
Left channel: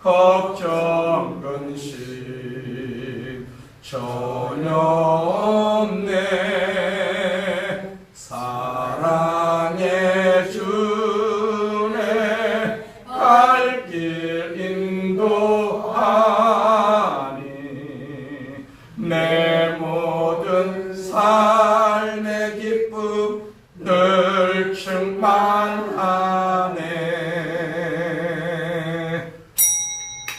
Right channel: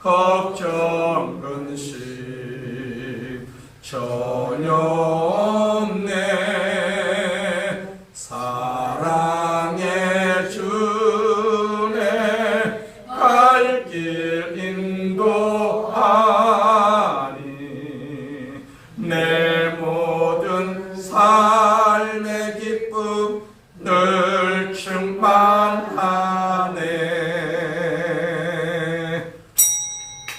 걱정 근심 전혀 없네. 사랑의 주네 갈 길 인도하니 내 모든 삶의 기쁨 늘 충만하네.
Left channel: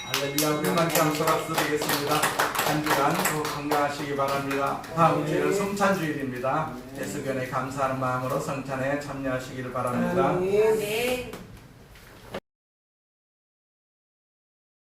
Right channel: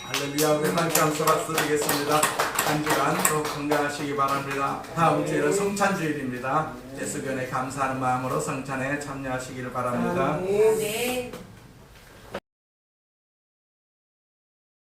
할렐루야. 우리 함께 한 박수 드리겠습니다. 한 주간 또 건강하시기 바랍니다. 다음 주일은 성찬주일입니다. 예수교회 감사하는 마음으로 성찬에 참여하시기를 바랍니다. 네.